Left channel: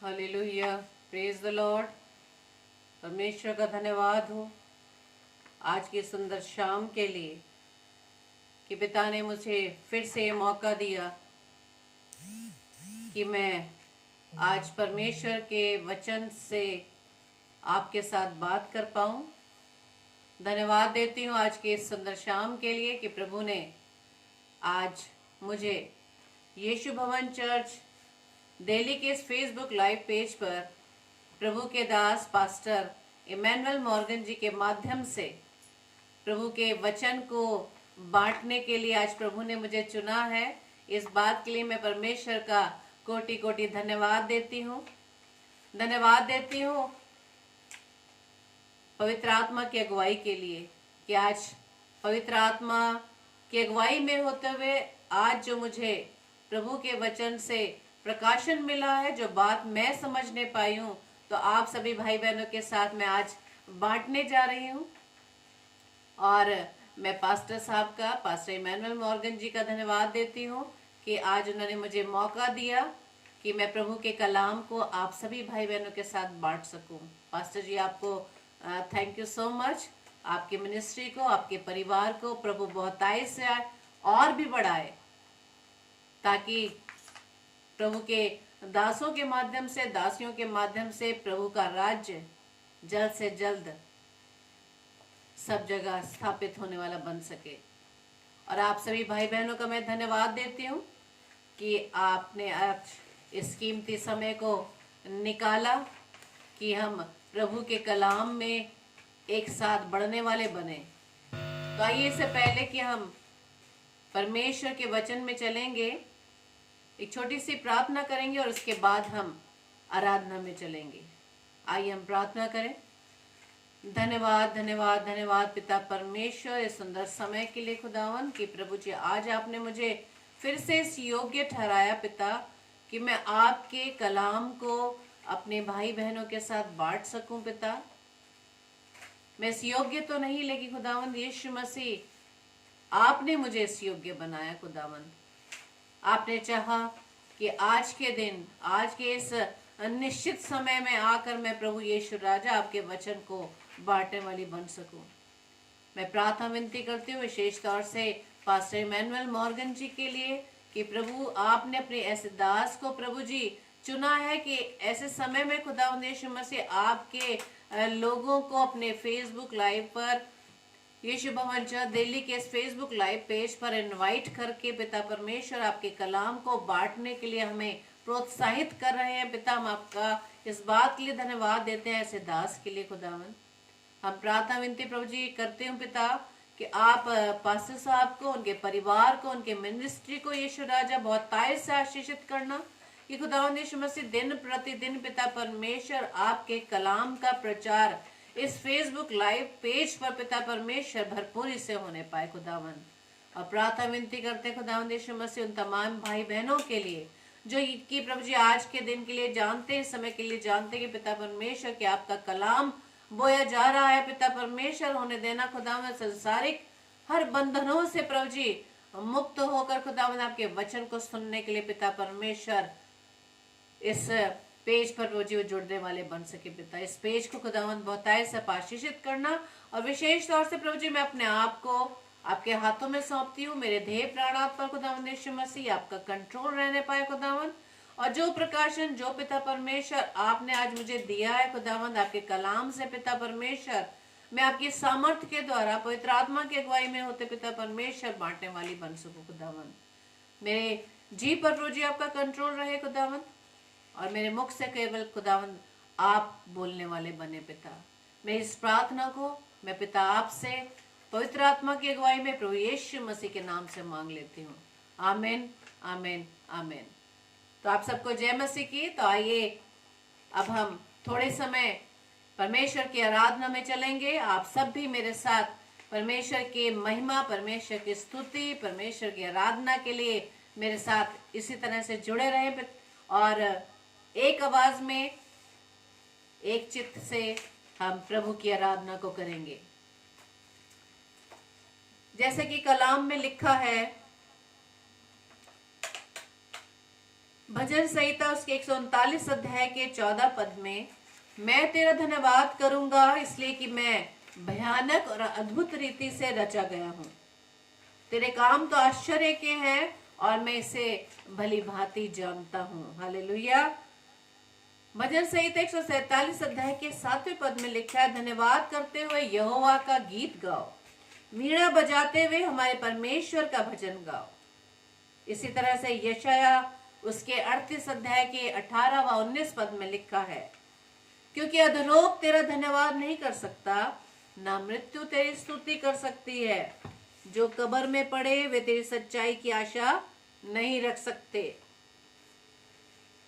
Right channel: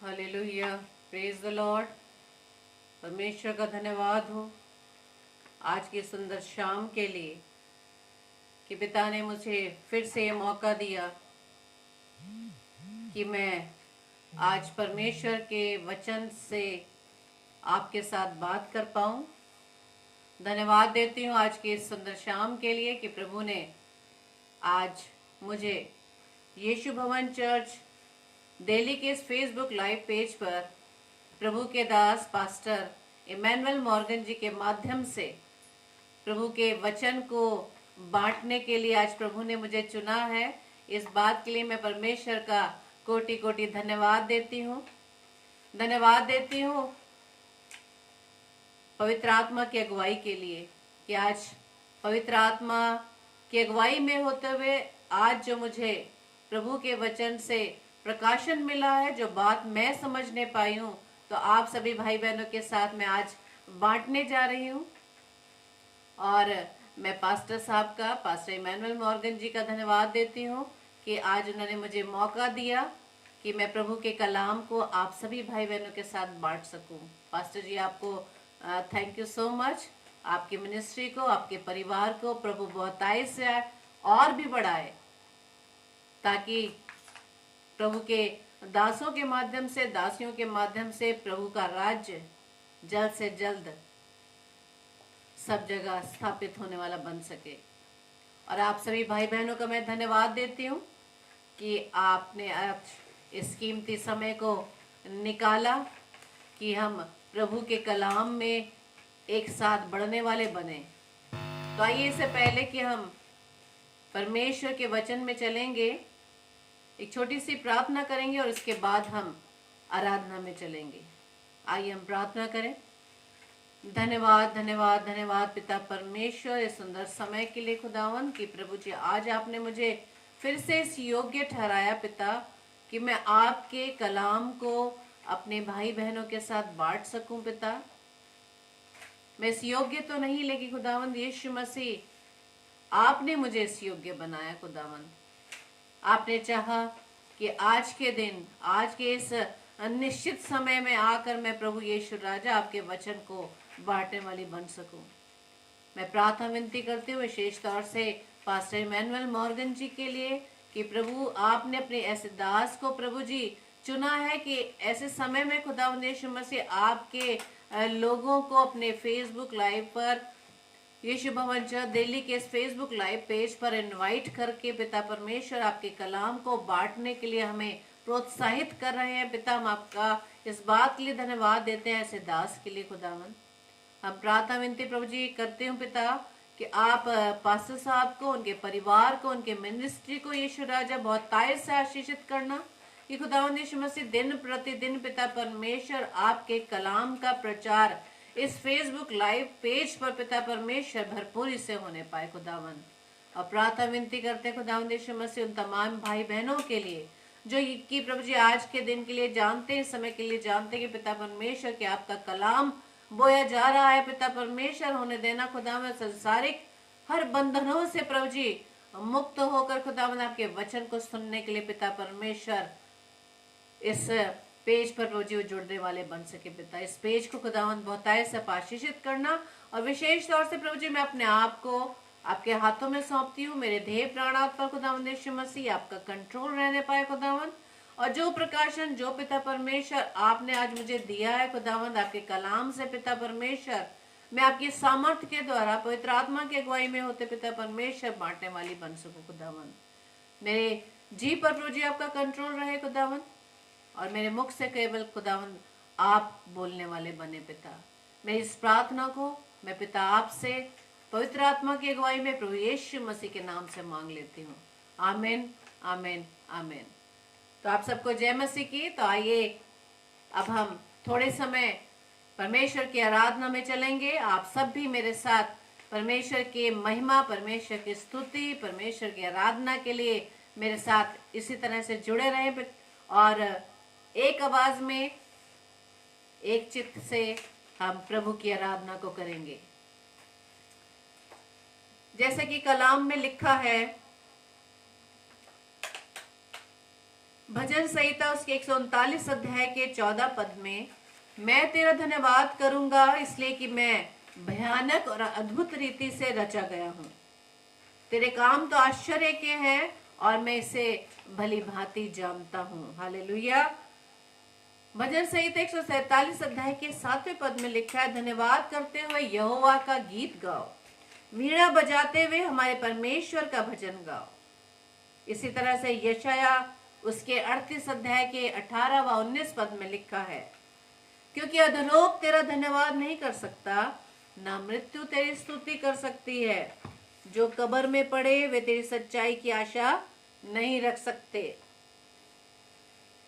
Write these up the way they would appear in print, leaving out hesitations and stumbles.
Hallelujah, praise the Lord. परमेश्वर का धन्यवाद हो आज की सुंदर शाम के लिए कि पिता ने मुझे फिर से ये मौका दिया कि मैं आज परमेश्वर के वचन से आपके साथ बात कर पाऊं। धन्यवाद देती हूं आज की इस सुंदर शाम के लिए कि प्रभु ने आज मुझे यीशु भवन चर्च दिल्ली के इस फेसबुक लाइव पेज पर प्रभु के दास पास्टर इमैनुअल मॉर्गन जी के माध्यम से प्रभु के वचन को बांटने के लिए आज प्रभु ने मुझे चुना है। इस बात के लिए मैं परमेश्वर का कोटि कोटि धन्यवाद देती हूँ। धन्यवाद देती हूँ पवित्र आत्मा की अगुवाई के लिए कि आज पवित्र आत्मा की अगुवाई में होते हुए आज जो मुझे प्रभु के वचन से प्रकाशन मिला है, जो बात मैं समझने पाई हूँ, तो आप सभी भाई बहनों के साथ मैं आज बांटने जा रही हूँ। और मैं पास्टर साहब का, पास्टर इमैनुअल मॉर्गन जी का धन्यवाद देती हूँ कि आज उन्होंने मुझे मौका दिया कि मैं प्रभु के कलाम को आप सभी भाई बहनों के साथ बांट सकूं। पास्टर जी, आपको थैंक यू सो मच। आपकी मिनिस्ट्री को, आपके परिवार को प्रभु बहुतायत से और भी बढ़ाए, ताकि प्रभु के दासों के माध्यम से, दासियों के माध्यम से प्रभु का राज्य जल्द से जल्द सब जगह स्थापित होने वाला बन सके। और आप सभी भाई बहनों का मैं धन्यवाद देती हूँ कि आपने आज इस कीमती समय को निकाला कि हम प्रभु के कलाम में एक साथ बढ़ने वाले बने। तो आइए, इससे पहले कि हम परमेश्वर के वचन में चलेंगे, एक छोटी सी प्रार्थना करेंगे और उसके बाद हम आराधना में चलेंगे। आइए हम प्रार्थना करें। धन्यवाद धन्यवाद धन्यवाद पिता परमेश्वर, इस सुंदर समय के लिए खुदावन कि प्रभु जी आज आपने मुझे फिर से इस योग्य ठहराया पिता कि मैं आपके कलाम को अपने भाई बहनों के साथ बांट सकूं। पिता, मैं इस योग्य तो नहीं, लेकिन खुदावन यीशु मसीह आपने मुझे इस योग्य बनाया। खुदावन, आपने चाहा कि आज के दिन, आज के इस निश्चित समय में आकर मैं प्रभु यीशु राजा आपके वचन को बांटने वाली बन सकूं। मैं प्रार्थना विनती करती हूँ विशेष तौर से पास्टर इमैनुअल मॉर्गन जी के लिए कि प्रभु आपने अपने ऐसे दास को प्रभु जी चुना है कि ऐसे समय में खुदावंद यीशु मसीह आपके लोगों को अपने फेसबुक लाइव पर, यीशु भवन चर्च दिल्ली के इस फेसबुक लाइव पेज पर इनवाइट करके पिता परमेश्वर आपके कलाम को बांटने के लिए हमें प्रोत्साहित कर रहे हैं। पिता, हम आपका इस बात के लिए धन्यवाद देते हैं ऐसे दास के लिए। खुदावन, हम प्रार्थना विनती प्रभु जी करते हूँ पिता कि आप पास्टर साहब को, उनके परिवार को, उनके मिनिस्ट्री को यीशु राजा बहुत तायत से आशीषित करना कि खुदावंद यीशु मसीह दिन प्रतिदिन पिता परमेश्वर आपके कलाम का प्रचार इस फेसबुक लाइव पेज पर पिता परमेश्वर भरपूरी से होने पाए। खुदावंद, और प्रार्थना विनती करते खुदावंद यीशु मसीह उन तमाम भाई बहनों के लिए जो कि प्रभु जी आज के दिन के लिए जानते हैं, समय के लिए जानते हैं कि पिता परमेश्वर के आपका कलाम बोया जा रहा है। पिता परमेश्वर, होने देना खुदावंद संसारिक हर बंधनों से प्रभु जी मुक्त होकर खुदावंद आपके वचन को सुनने के लिए पिता परमेश्वर इस पेज पर प्रभु जी जुड़ने वाले बन सके। पिता, इस पेज को खुदावंद बहुतायत से आशीषित करना। और विशेष तौर से प्रभु जी मैं अपने आप को आपके हाथों में सौंपती हूँ। मेरे देह प्राणात पर खुदावंद यीशु मसीह आपका कंट्रोल रहने पाए खुदावंद, और जो प्रकाशन, जो पिता परमेश्वर आपने आज मुझे दिया है खुदावंद आपके कलाम से पिता परमेश्वर, मैं आपकी सामर्थ्य के द्वारा पवित्र आत्मा की अगुवाई में होते पिता परमेश्वर बांटने वाली बन सकूं। खुदावंद, मेरे जी पर प्रभु जी आपका कंट्रोल रहे खुदावंद, और मेरे मुख से केवल खुदावंद आप बोलने वाले बने। पिता, मैं इस प्रार्थना को मैं पिता आपसे पवित्र आत्मा की अगुवाई में प्रभु यीशु मसीह के नाम से मांग लेती हूँ। आमीन, आमीन, आमीन। तो आप सबको जय मसीह की। तो आइए अब हम थोड़े समय परमेश्वर की आराधना में चलेंगे। आप सब भी मेरे साथ परमेश्वर की महिमा, परमेश्वर की स्तुति, परमेश्वर की आराधना के लिए मेरे साथ इसी तरह से जुड़े रहें और एक आवाज में, एक चित्त से हम प्रभु की आराधना को करेंगे। जैसे कि कलाम में लिखा है, भजन संहिता उसके 139 अध्याय के 14 पद में, मैं तेरा धन्यवाद करूंगा इसलिए कि मैं भयानक और अद्भुत रीति से रचा गया हूँ। तेरे काम तो आश्चर्य के हैं और मैं इसे भली भांति जानता हूँ। हालेलुया। भजन संहिता 147 अध्याय के 7वें पद में लिखा है, धन्यवाद करते हुए यहोवा का गीत गाओ, वीणा बजाते हुए हमारे परमेश्वर का भजन गाओ। इसी तरह से यशाया उसके 38 अध्याय के 18 व 19 पद में लिखा है, क्योंकि अधोलोक तेरा धन्यवाद नहीं कर सकता, ना मृत्यु तेरी स्तुति कर सकती है। जो कब्र में पड़े वे तेरी सच्चाई की आशा नहीं रख सकते।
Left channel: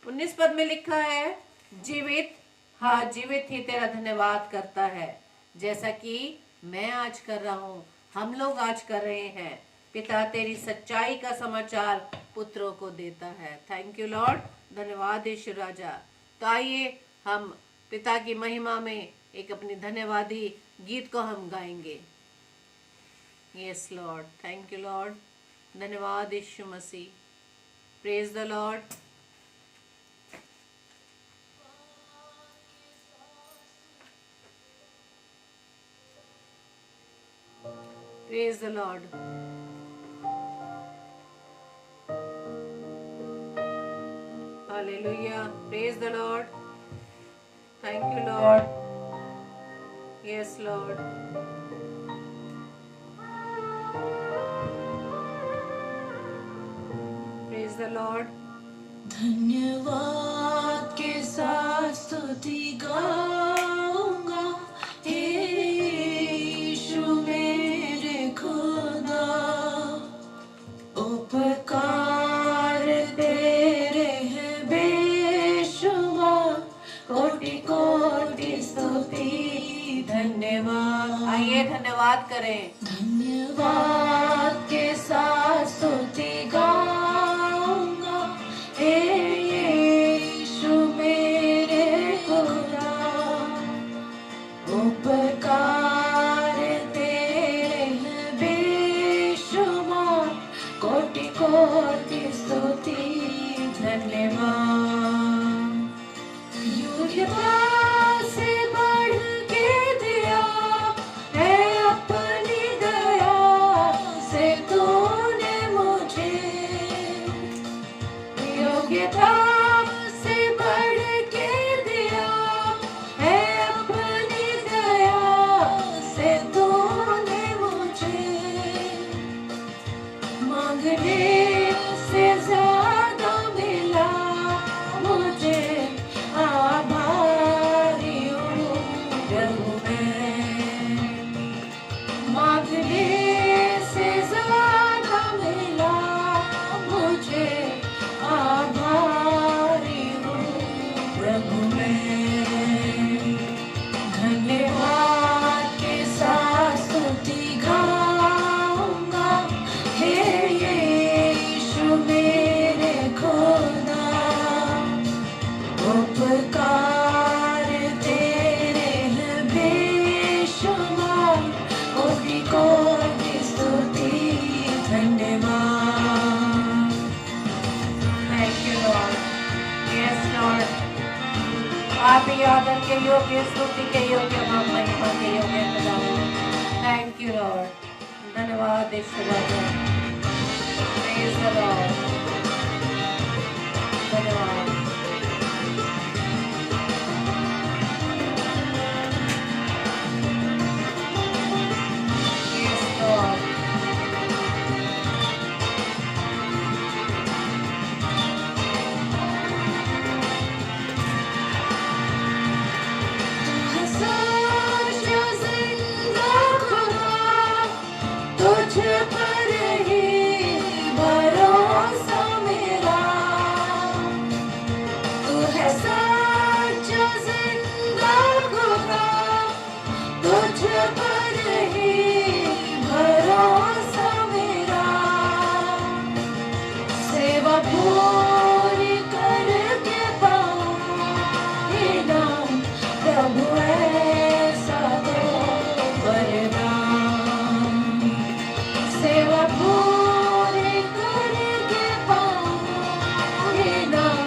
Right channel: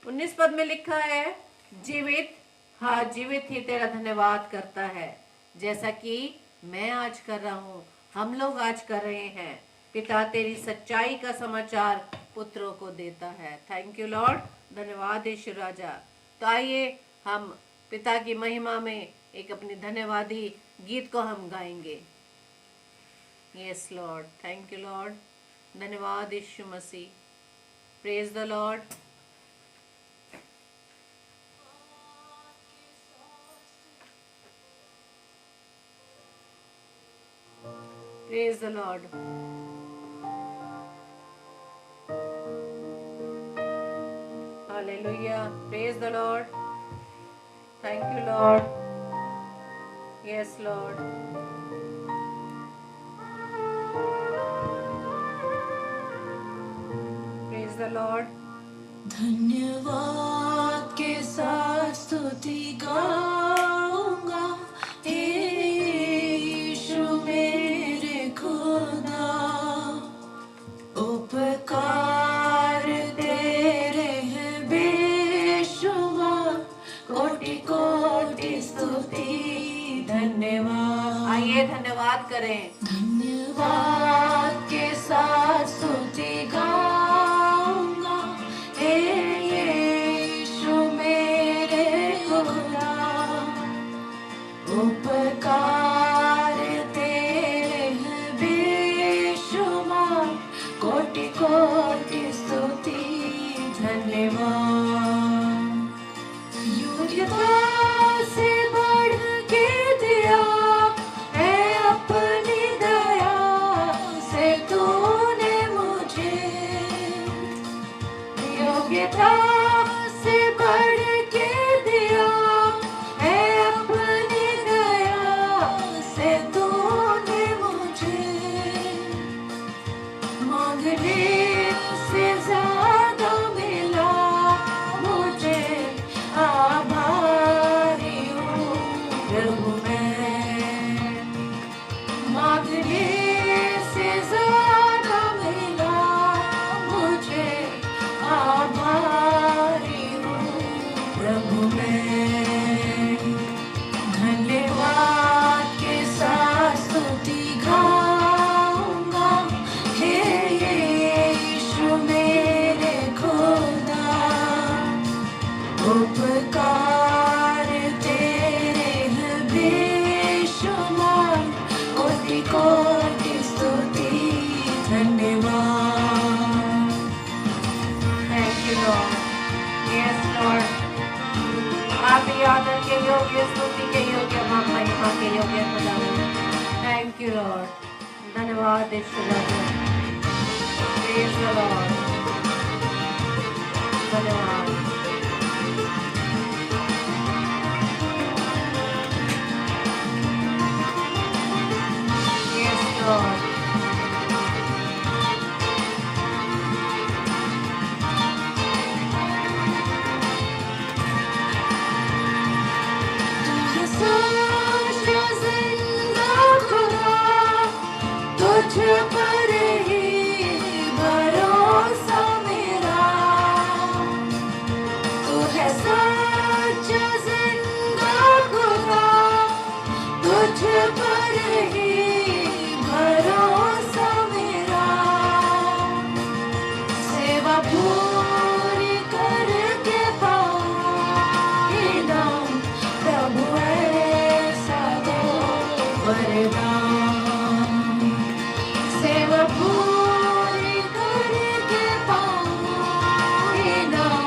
19 पद में लिखा है, जीवित, हाँ जीवित ही तेरा धन्यवाद करता है, जैसा कि मैं आज कर रहा हूँ, हम लोग आज कर रहे हैं। पिता तेरी सच्चाई का समाचार पुत्रों को देता है। थैंक यू लॉर्ड, धन्यवाद यीशु राजा। तो आइए हम पिता की महिमा में एक अपनी धन्यवादी गीत को हम गाएंगे। Yes Lord, thank you Lord, धन्यवाद Yeshu Masih. Praise the Lord. Praise the Lord. Hallelujah, praise the Lord. Thank you Lord. Yes Lord. Praise the Lord. धन्यवाद के साथ स्तुति गाऊंगा, हे यीशु मेरे खुदा। उपकार तेरे हैं बेशुमार, कोटि कोटि स्तुति धन्यवाद। आइए धन्यवाद करें। धन्यवाद के साथ स्तुति गाऊंगा, हे यीशु मेरे खुदा। उपकार तेरे हैं बेशुमार, कोटि कोटि स्तुति धन्यवाद। योग्यता से बढ़ के दिया है अपनी दया से तूने मुझे। योग्यता से बढ़ के दिया है अपनी दया से तूने मुझे। मांगने से ज्यादा मिला मुझे, आभारी हूँ प्रभु मैं। मांगने से ज्यादा मिला मुझे, आभारी हूँ प्रभु मैं। धन्यवाद के साथ स्तुति गाऊंगा, हे यीशु मेरे खुदा। उपकार तेरे हैं बेशुमार, कोटि कोटि स्तुति धन्यवाद। Thank you Lord. Yes Lord, आप ही आदर के योग्य, स्तुति के योग्य, आप महिमा के योग्य खुदावंद। थैंक यू लॉर्ड, धन्यवाद यीशु राजा। Praise the Lord. धन्यवाद। Yes Lord. साचा जिंदा खुदा, तुझ पर ही भरोसा मेरा। तू है साचा जिंदा खुदा, तुझ पर ही भरोसा मेरा। सेवा पूरी करके पाऊं इनाम, प्रभु ऐसा दो वरदान। सेवा पूरी करके पाऊं इनाम,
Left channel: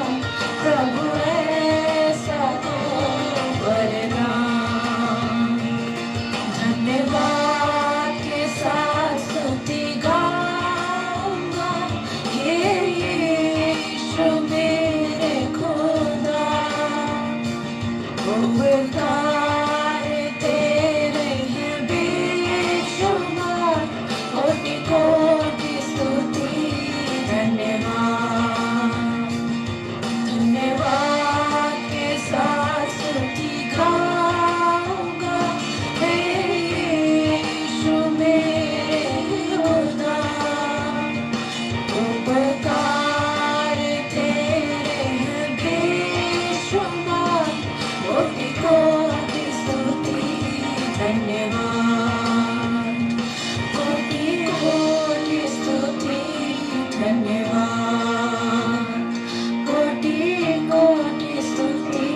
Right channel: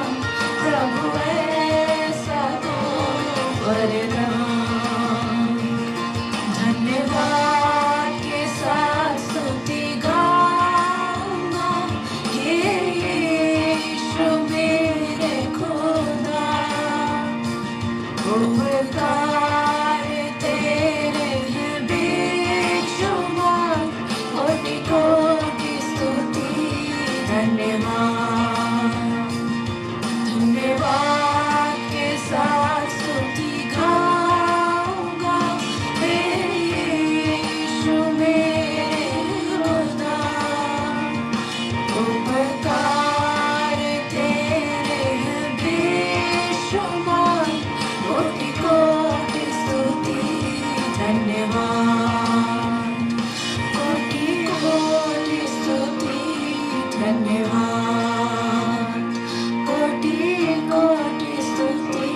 कोटि स्तुति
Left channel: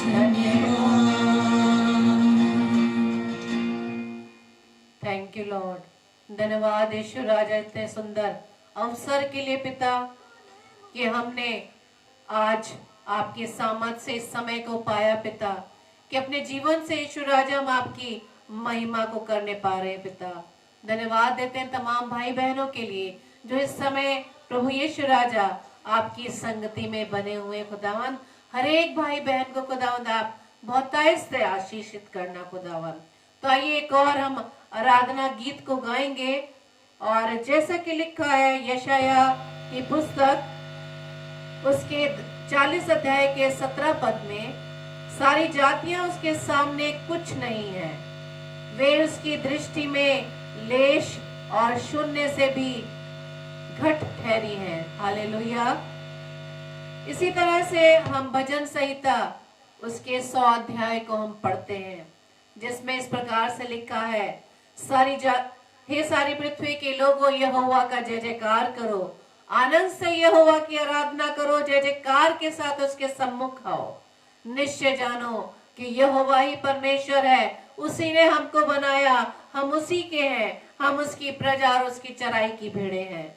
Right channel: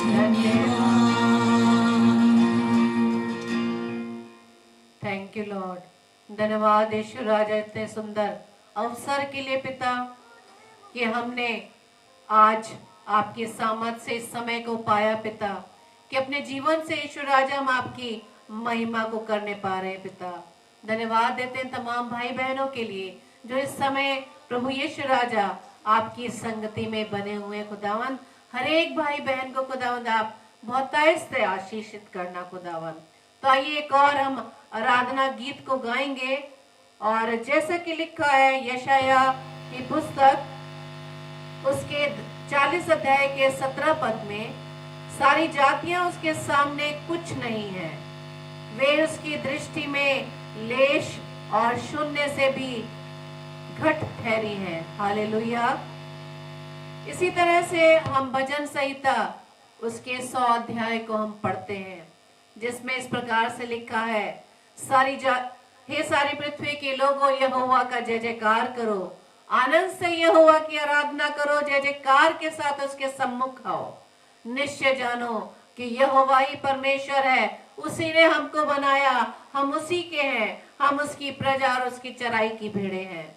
धन्यवाद। Thank you Lord. धन्यवाद यीशु राजा, इतने सुंदर अवसर के लिए पिता कि हमने आज आपके सामर्थ से इस समय को पाया पिता, कि अपने जीवन से यीशु राजा हम आपकी महिमा को करने पा रहे हैं पिता। धन्यवाद देते हैं तमाम भाई बहनों के लिए जो इस समय प्रभु यीशु राजा आपकी संगति में बने हुए। खुदावन हर एक भाई बहन को खुदावंद आप बहुतायत से आशीषित करना खुदावन। तो आइए एक और हम आराधना गीत को गाएंगे, और जैसा कि लिखा है यशाया की पुस्तक उसके 40 अध्याय के 17 पद में, सारी जातियां उसके सामने कुछ नहीं है, वे उसकी दृष्टि में लेश और शून्य से भी घट ठहरी हैं। हालेलुया। इसी तरह से हम भजन संहिता उसके 100 अध्याय को हम पढ़ते हैं, जिसमें इस प्रकार से लिखा है, हे सारी पृथ्वी के लोगों, यहोवा का जय जयकार करो, आनंद से यहोवा की आराधना करो, जय जयकार के साथ उसके सम्मुख आओ। निश्चय जानो कि यहोवा ही परमेश्वर है, उसी ने हमको बनाया, हम उसी के हैं, हम उसकी प्रजा और उसकी चराई की भेड़ें हैं।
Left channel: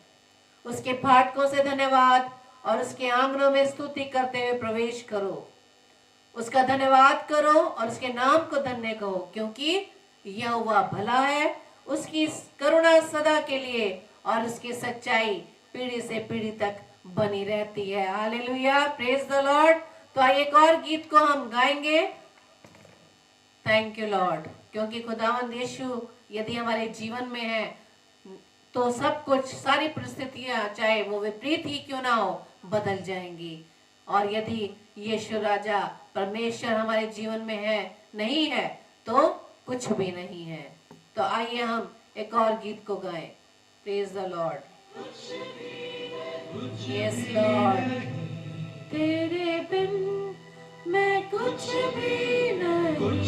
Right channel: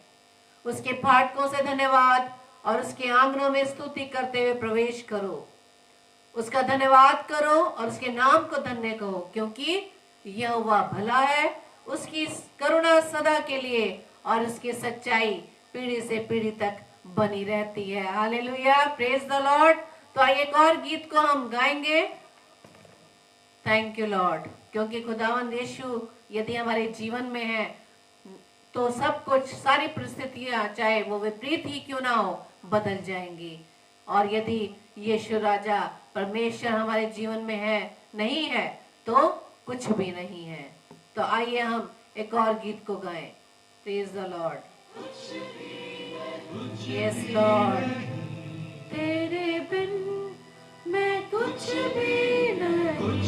उसके फाटकों से धन्यवाद और उसके आंगनों में स्तुति करते हुए प्रवेश करो। उसका धन्यवाद करो और उसके नाम को धन्य कहो, क्योंकि यहोवा भला है, उसकी करुणा सदा के लिए और उसकी सच्चाई पीढ़ी से पीढ़ी तक बनी रहती है। Hallelujah, praise the Lord. तो आइए एक और गीत को हम गाएंगे। थैंक यू लॉर्ड, क्योंकि खुदावंद यीशु यदि हमारे जीवन में है तो सब कुछ, सारी परिस्थितियां चाहे वो विपरीत ही क्यों ना हो, बदल जाएंगी। और यदि यीशु राजा परमेश्वर हमारे जीवन में है, नहीं है, तो कुछ भी नहीं है। तो आइए हम एक और गीत को गाएं। Praise the Lord. Yes Lord. तेरे बिन मैं कुछ भी नहीं,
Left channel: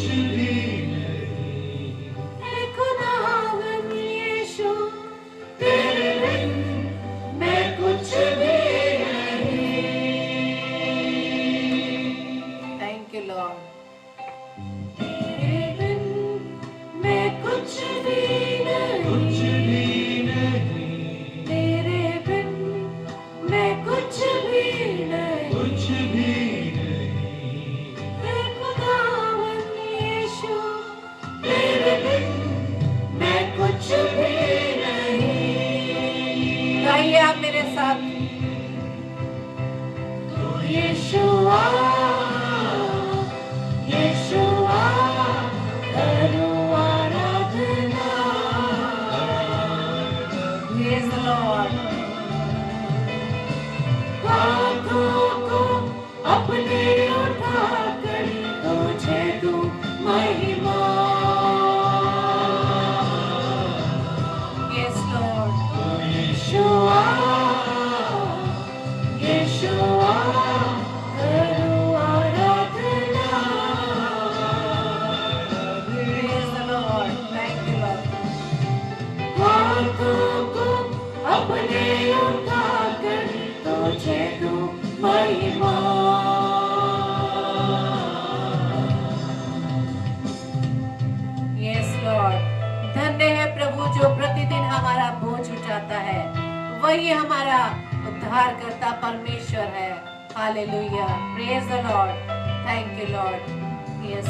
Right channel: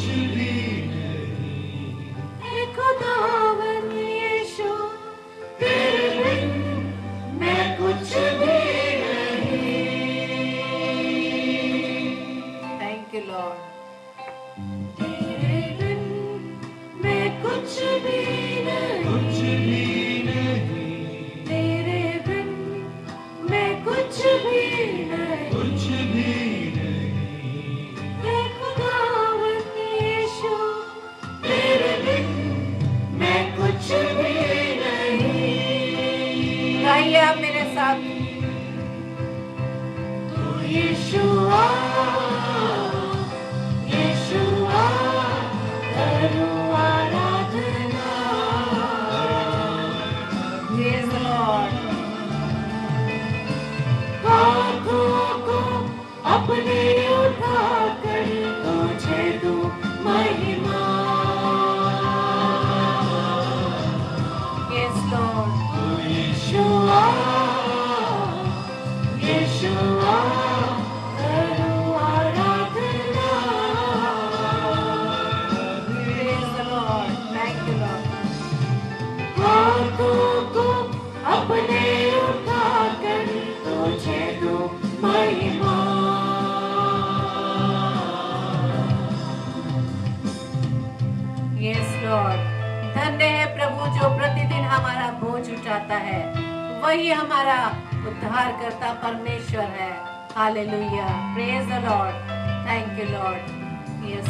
हे खुदावन यीशु, तेरे बिन मैं कुछ भी नहीं। Thank you Lord. तेरे बिन मैं कुछ भी नहीं, तेरे बिन मैं कुछ भी नहीं। हे खुदावन यीशु, तेरे बिन मैं कुछ भी नहीं। गाइए आप मेरे साथ। तू यीशुआ, यीशुआ, करो आराधना। Praise the Lord. हाथों को अपने उठाकर तुझे दूं महिमा। Yes Lord. यीशुआ, यीशुआ, करो आराधना। Praise the Lord. Thank you Lord. हाथों को अपने उठाकर तुझे दूं महिमा। Yes Lord. धन्य है प्रभु जो प्रतिदिन हमारा बोझ उठाता है, वही हमारा उद्धारकर्ता परमेश्वर है। Hallelujah, praise the Lord. Thank you Lord. Yes,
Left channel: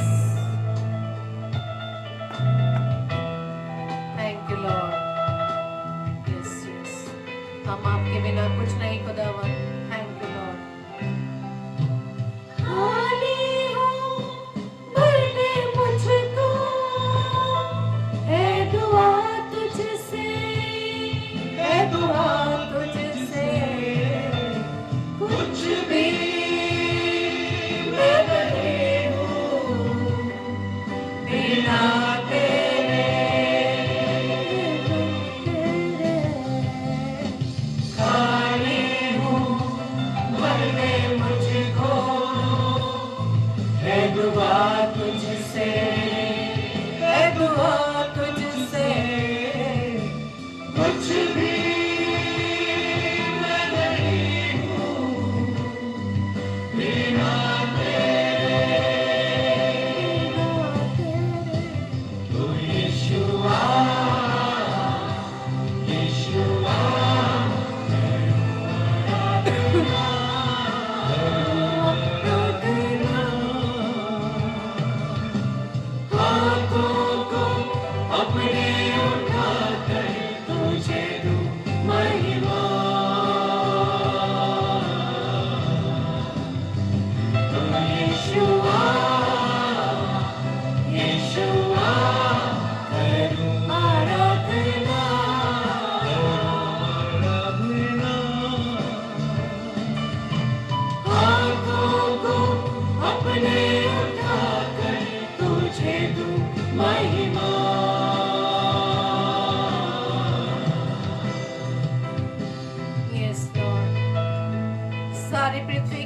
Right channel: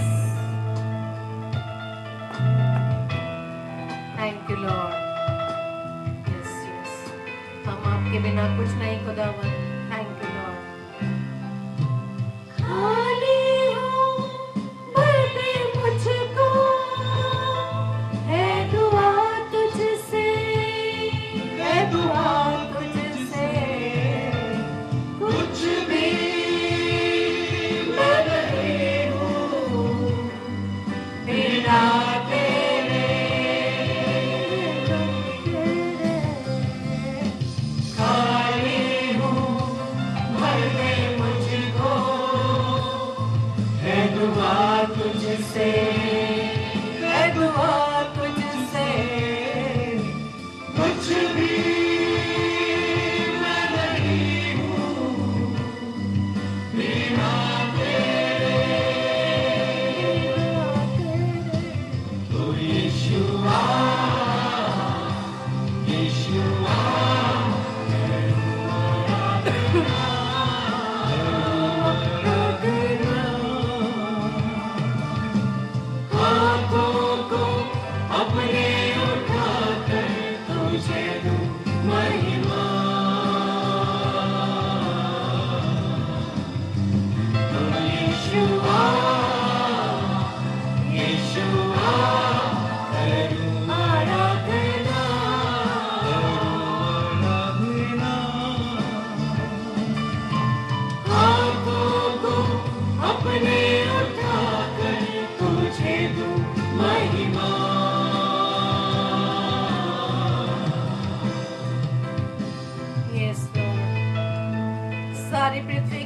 thank you Lord. Yes yes, हम आपके बिना कुछ नहीं खुदावन। Thank you Lord. खाली हूँ, भर दे मुझको, है दुआ तुझसे, है दुआ तुझसे। कुछ भी मैं नहीं हूँ बिना तेरे, तेरे। खाली हूँ, भर दे मुझको, है दुआ तुझसे, है दुआ तुझसे। कुछ भी मैं नहीं हूँ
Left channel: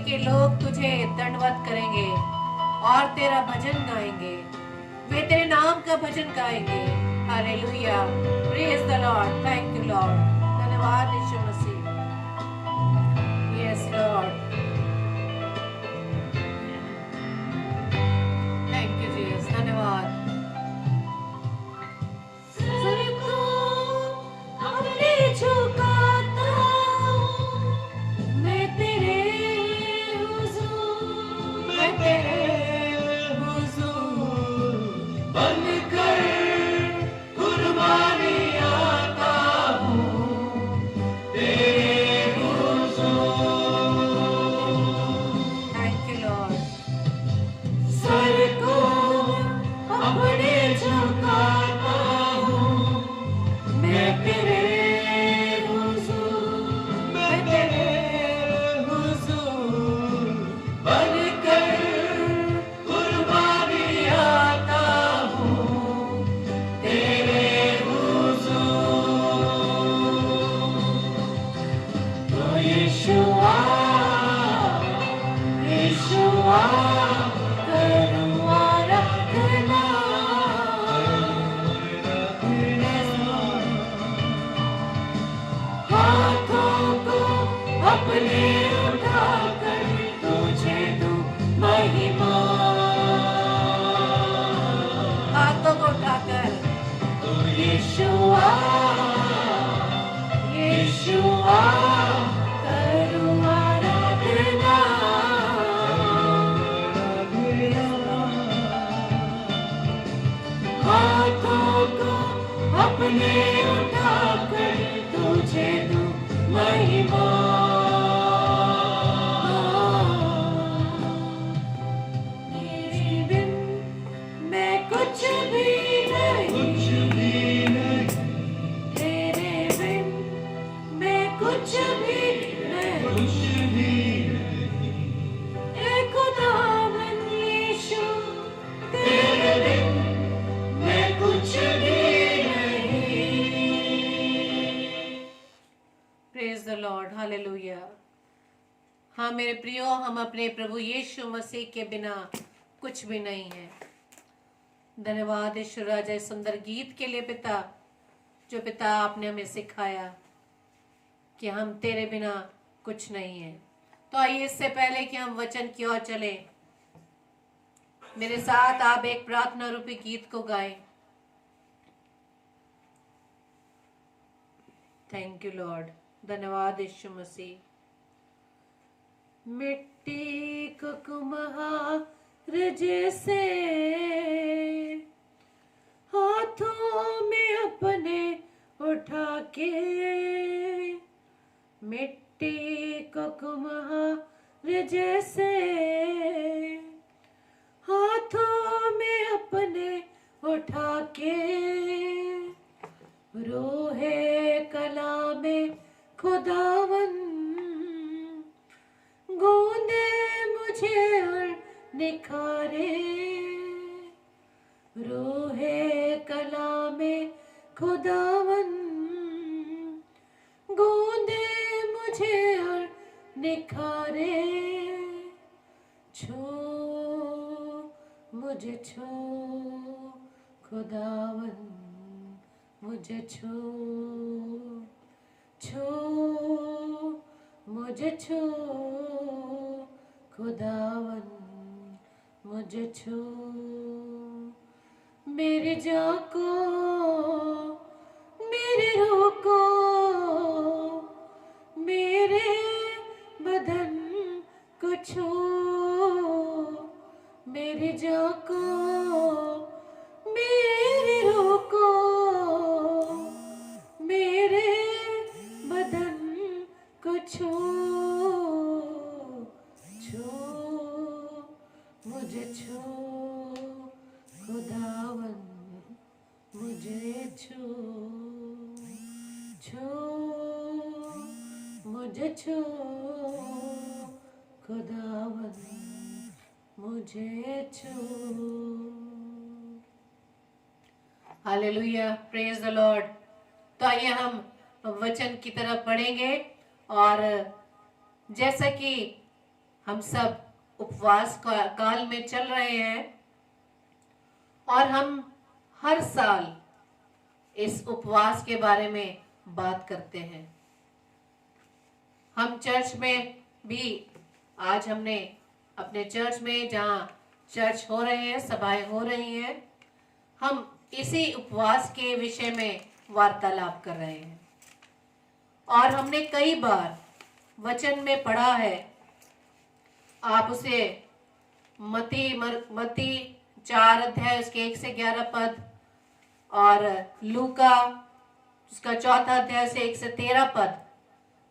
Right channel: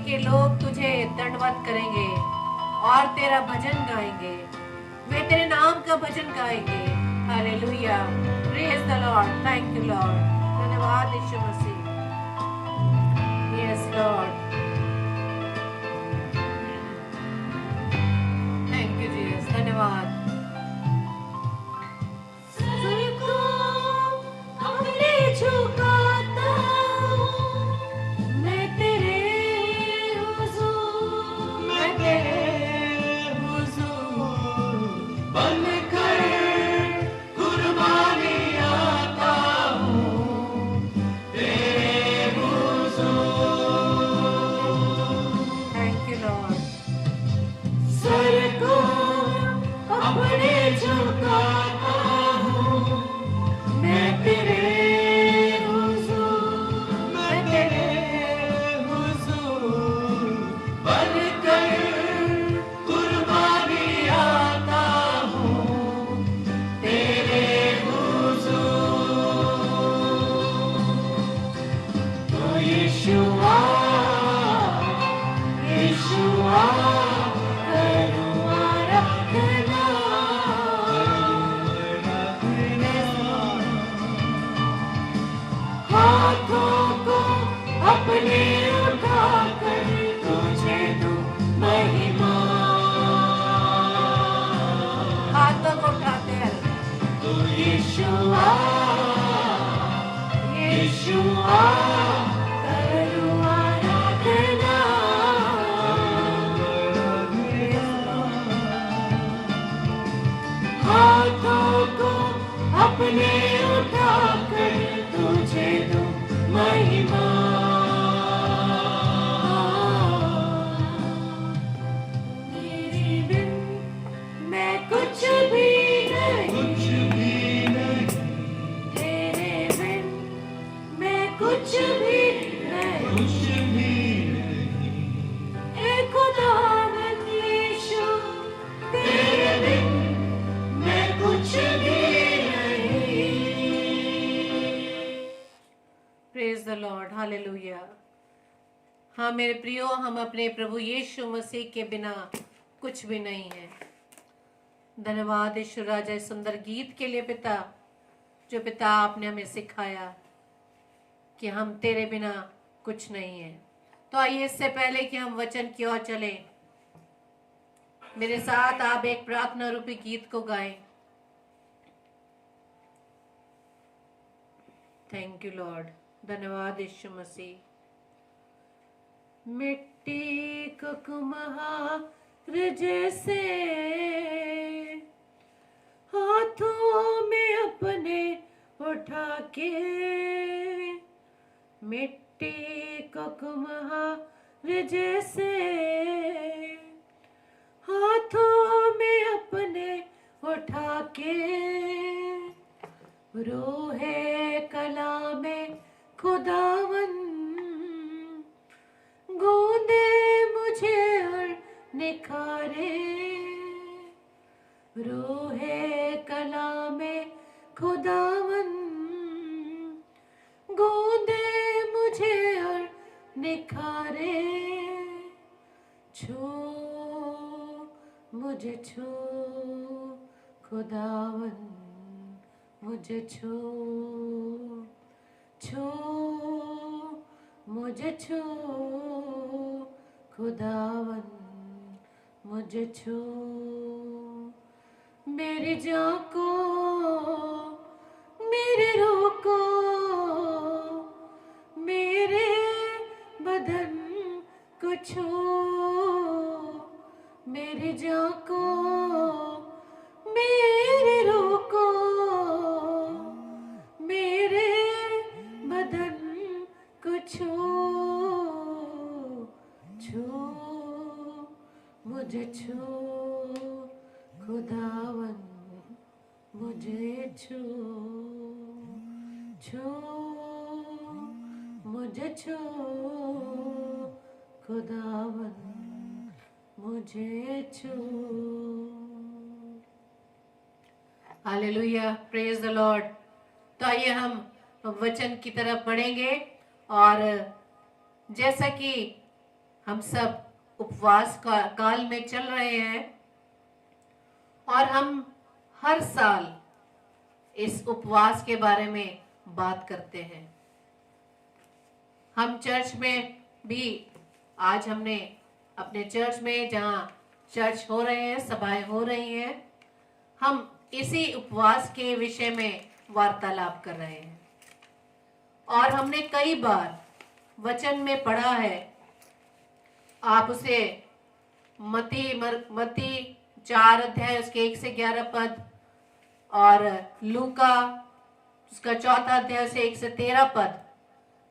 के लोग तुझे दंडवत करेंगे और तेरा भजन गाएंगे, वे तेरे नाम का भजन गाएंगे। Hallelujah, praise the Lord, thank you Lord, धन्यवाद Yeshu Masih. Yes Lord, thank you Jesus, धन्यवाद। सर को अपने झुकाता हूँ, मैं तेरे हुजूर, मैं तेरे हुजूर बनकर कुर्बानी आता हूँ तेरे हुजूर। Thank you Lord. सर को अपने झुकाता हूँ, मैं तेरे हुजूर, मैं तेरे हुजूर बनकर कुर्बानी आता हूँ तेरे हुजूर। तो यीशुआ, यीशुआ करूँ आराधना। Yes, Lord. हाथों को अपने उठाकर तुझे दूं महिमा। हाथों को उठाकर यीशुआ, यीशुआ करूं आराधना। Yes, Lord. हाथों को अपने उठाकर तुझे दूं महिमा। तेरे बिन मैं कुछ भी नहीं, तेरे बिन मैं कुछ भी नहीं। ए खुदावन यीशु, तेरे बिन मैं कुछ भी नहीं। Praise the Lord, hallelujah. हाँ मेरे प्रियो, हम अपने प्रभु यीशु मसीह के बिना कुछ भी नहीं है। धन्यवाद ईश्वर राजा इस सुंदर गीत के लिए पिता, जो पिता आपने हमें सिखाया कि हम तेरे बिना कुछ नहीं है। तो आइए, इससे पहले कि हम वचन की ओर चलें, मेरे साथ आप एक प्रार्थना रूपी गीत को गाएं। थैंक यू लॉर्ड, धन्यवाद यीशु मसीह। मिट्टी को कुम्हार जैसे हाथों में अपने उठा के, मिट्टी को कुम्हार जैसे हाथों में अपने उठा के, रोहे कला में खुदावन गूंदे मुझे और निखारे। रोहे कला में खुदावन गूंदे मुझे और निखारे। छू मुझे छू खुदावन, मुझे छू छू मुझे छू खुदावन, मुझे छू। मेरी जान को, मेरे रूह को, मेरे बदन को छू। मेरी जान को, मेरे रूह को, मेरे बदन को छू छू। मुझे छू खुदावन, मुझे छू छू। मुझे छू खुदावन, मुझे छू। Hallelujah, praise the Lord. तो आइए हम वचन की तरफ पढ़ेंगे, और जैसा कि हम सब उपवास काल में चल रहे हैं और हम हर साल इस उपवास के बारे में बात करते हैं। हम चर्च में भी, आज हमने अपने चर्च में, जहाँ चर्च हो रहे हैं, सभाएं हो रही हैं, हम इसी उपवास के विषय में वार्तालाप कर रहे हैं। और हमने कई बार वचन में पढ़ा है, आप उसे मती 4 अध्याय उसके 1 से 11 पद और लूका उसका 4 अध्याय से 1 से 13 पद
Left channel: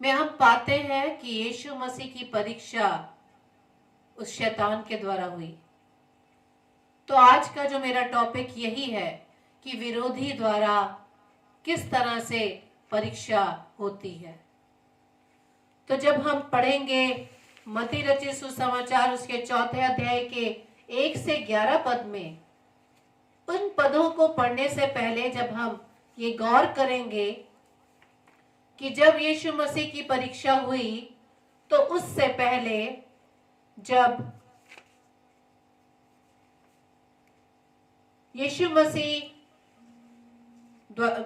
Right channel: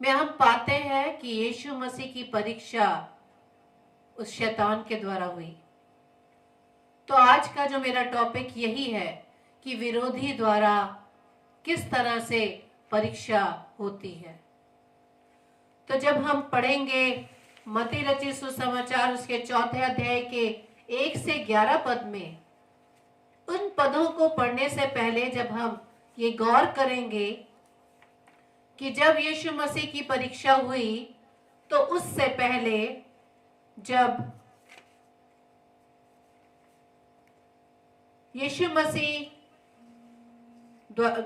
में हम पाते हैं कि यीशु मसीह की परीक्षा उस शैतान के द्वारा हुई। तो आज का जो मेरा टॉपिक यही है कि विरोधी द्वारा किस तरह से परीक्षा होती है। तो जब हम पढ़ेंगे मत्ती रचित सुसमाचार उसके 4 अध्याय के 1 से 11 पद में, उन पदों को पढ़ने से पहले जब हम ये गौर करेंगे कि जब यीशु मसीह की परीक्षा हुई, तो उससे पहले जब यीशु मसीह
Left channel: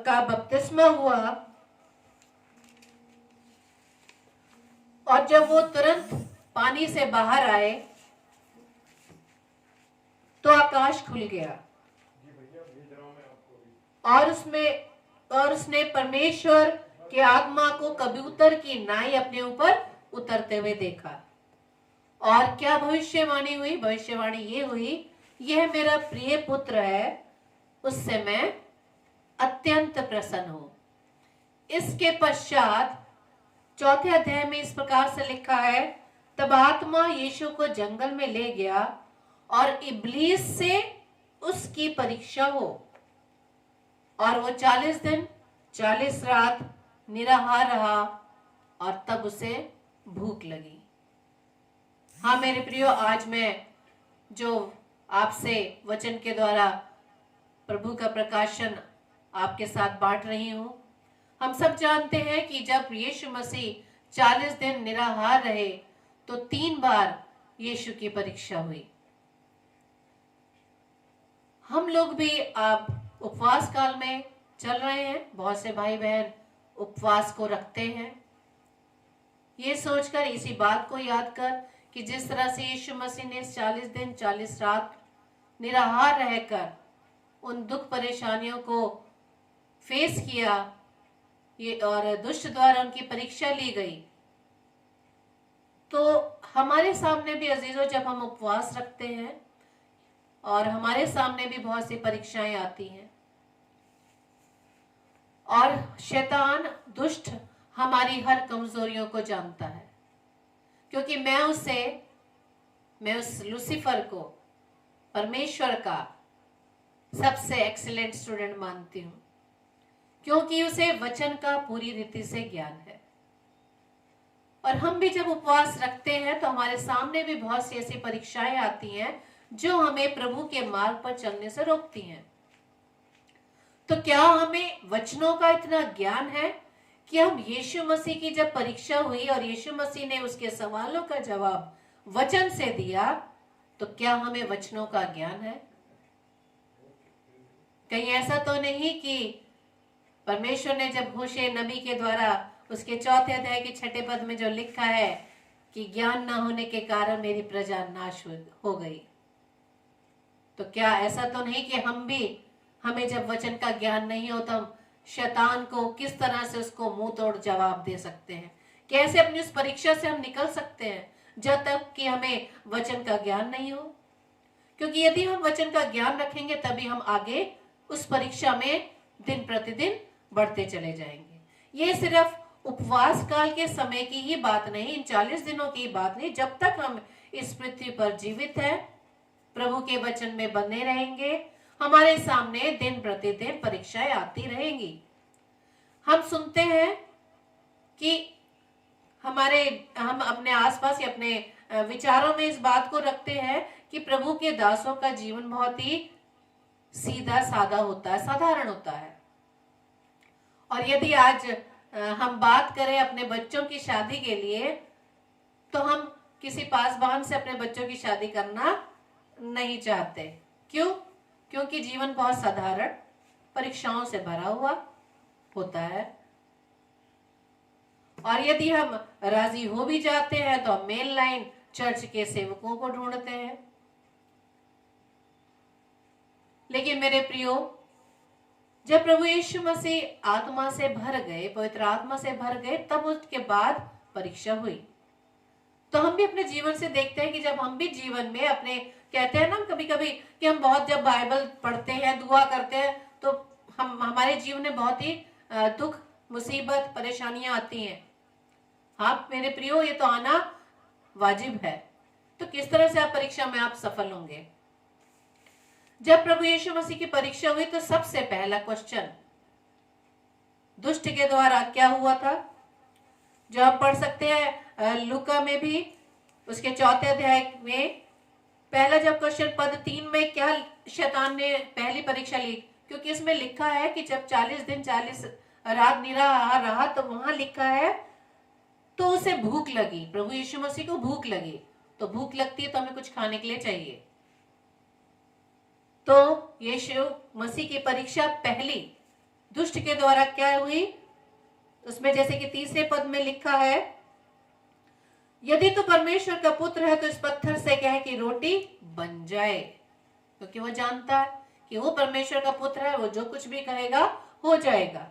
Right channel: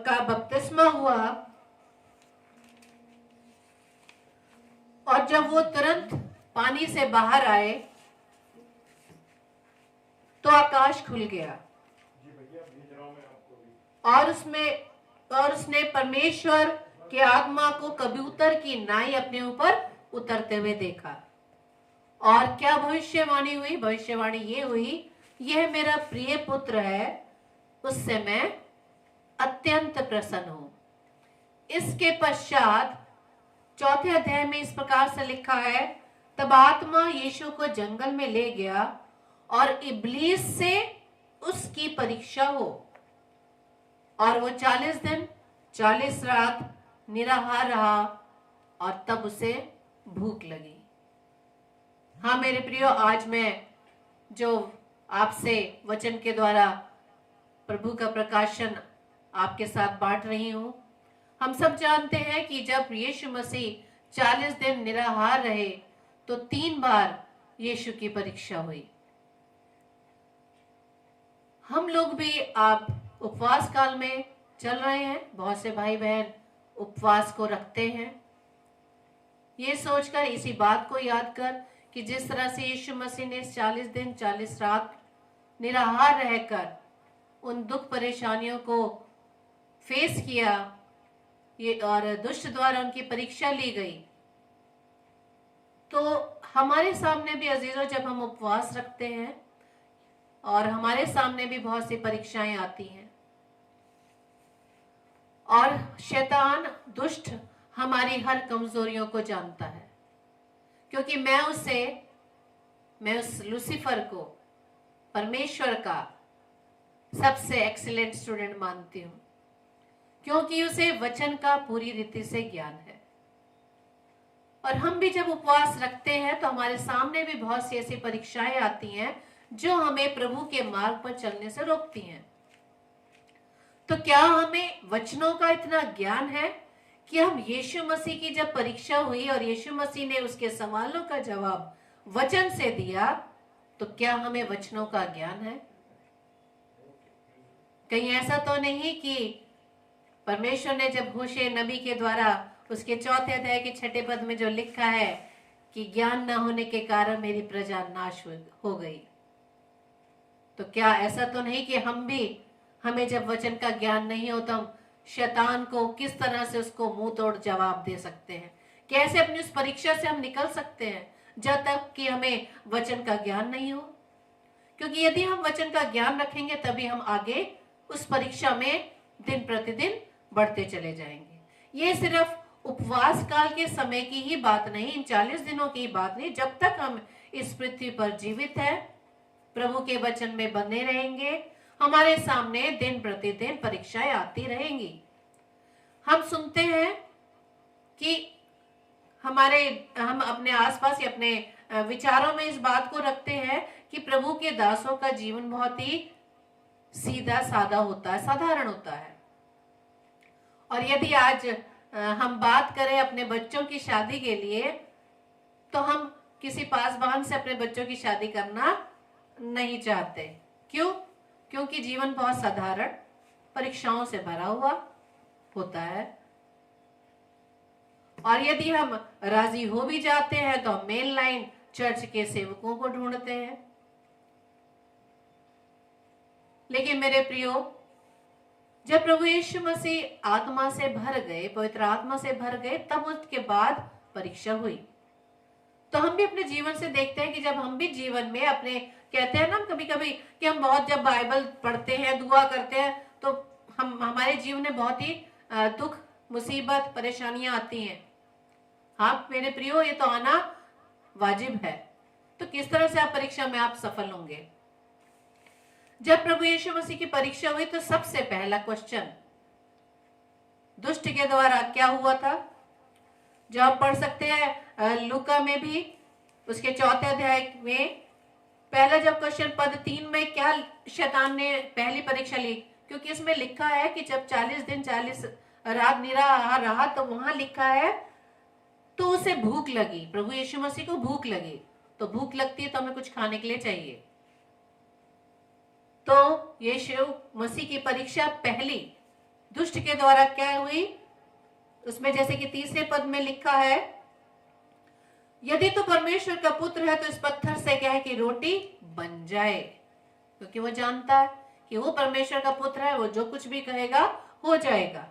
का बपतिस्मा हुआ और जब वो तुरंत पानी से बाहर आए तो आकाश खुल गया और उसने परमेश्वर के आत्मा को कबूतर की नाई अपने ऊपर उतरते हुए देखा। और क्या भविष्यवाणी हुई? भविष्यवाणी ये हुई, यह मेरा प्रिय पुत्र है, उससे मैं अत्यंत प्रसन्न हूं। इसके पश्चात 4 अध्याय में इस प्रकार से लिखा है, तब आत्मा यीशु को जंगल में ले गया और इब्लीस से उसकी परीक्षा हो, और वो 40 दिन 40 रात निराहार रहा और तब उसे भूख लगी। हाँ मेरे प्रियो, आज मैं जो आपसे वचन के द्वारा प्रभु का प्रकाशन आपके साथ बांट रही हूं, हम सब जानते हैं कि जब यीशु मसीह 40 दिन निराहार रहे तो 3 बार यीशु की परीक्षा हुई। हम लोग भी आप उपवास काल में चल रहे हैं, बहुत से भाई बहन उपवास को रखते हैं। ये सोचकर, इसी बात को याद कर कि जिस तरह से यीशु मसीह ने 40 दिन 40 रात निराहार रहकर उन दुख परेशानियों को फेस किया, ये और दुष्ट द्वारा उनकी परीक्षा ली गई, तो हमारे सामने भी अजीजों, जब हम उपवास रखते हैं और हमारे सामने भी बहुत सी परीक्षाएं आती हैं और शैतान दुष्ट हमारी हर कमजोरियों को जानता है, क्योंकि मैं उस लूसीफर को परमेश्वर का सबसे एक्सीलेंट स्टूडेंट मानती हूं, क्योंकि उसे वचन का पूरी रीति से ज्ञान है। और हम भी जब उपवास रखते हैं तो हमारे सामने भी बहुत सी ऐसी परीक्षाएं आती हैं जो हमें प्रभु के मार्ग पर चलने से रोकती हैं। तो क्या हमें वचनों का इतना ज्ञान है कि हम यीशु मसीह की जब परीक्षा हुई और यीशु मसीह ने उसके सवालों का जवाब वचन से दिया, तो क्या हमें वचनों का ज्ञान है? कहीं ऐसा तो नहीं कि परमेश्वर ने जब होशे नबी के द्वारा उसके 4 अध्याय के 6 पद में जो लिखा है कि ज्ञान ना होने के कारण मेरी प्रजा नाश हो गई, तो क्या ऐसा तो नहीं कि हमें जब वचन का ज्ञान नहीं हो तो हम शैतान को किस तरह से उसको मुंह तोड़ जवाब दे सकते हैं? कैसे अपनी उस परीक्षा से हम निकल सकते हैं जब तक कि हमें वचन का ज्ञान नहीं हो? क्योंकि यदि हम वचन का ज्ञान रखेंगे तभी हम आगे उस परीक्षा में दिन प्रतिदिन बढ़ते चले जाएंगे। ये सिर्फ उपवास काल के समय की ही बात नहीं, इन 40 दिनों की बात नहीं, जब तक हम इस पृथ्वी पर जीवित हैं, प्रभु के वचन में बने रहेंगे, हमारे सामने दिन प्रतिदिन परीक्षाएं आती रहेंगी। हम सुनते हैं कि हम अपने आसपास या अपने विचारों में इस बात को रखते हैं कि प्रभु के दासों का जीवन बहुत ही सीधा सादा होता है, साधारण होता है। और यदि आज हम बात करें अपने बच्चों की शादी के लिए, तो हम किसी पासवान से अपने बच्चों की शादी करना नहीं चाहते। क्यों? क्योंकि जीवन बहुत साधारण परीक्षाओं से भरा हुआ होता है, और यदि हम राजी हो भी जाते हैं तो हम मेन लाइन चर्च के सेवकों को ढूंढते हैं। लेकिन मेरे प्रियो, जब प्रभु यीशु मसीह आत्मा से भर गए, पवित्र आत्मा से भर गए, तब उसके बाद परीक्षा हुई। तो हम भी अपने जीवन से देखते हैं कि जब हम भी जीवन में अपने, कहते हैं ना कभी कभी कि हम बहुत जब बाइबल पढ़ते हैं, दुआ करते हैं, तो हमारे जीवन में बहुत ही दुख, मुसीबत, परेशानियां आती हैं। हाँ मेरे प्रियो, ये तो आना वाजिब है। तो किस तरह से आप परीक्षा में आप सफल होंगे? जब प्रभु यीशु मसीह की परीक्षा हुई तो सबसे पहला क्वेश्चन दुष्ट के द्वारा क्या हुआ था, जो आप पढ़ सकते हैं लूका में भी, उसके 4 अध्याय में। पहला जब क्वेश्चन पद 3 में, क्या शैतान ने पहली परीक्षा ली, क्योंकि इसमें लिखा है कि जब 40 दिन 40 रात निराहार रहा, तो वहां लिखा है तो उसे भूख लगी। प्रभु यीशु मसीह को भूख लगी। तो भूख लगती है तो हमें कुछ खाने के लिए चाहिए। तो यीशु मसीह की परीक्षा पहली दुष्ट के द्वारा क्या हुई, उसमें जैसे कि 3 पद में लिखा है, यदि तो परमेश्वर का पुत्र है तो इस पत्थर से कहे कि रोटी बन जाए। क्योंकि वो जानता है कि वो परमेश्वर का पुत्र है, वो जो कुछ भी कहेगा हो जाएगा।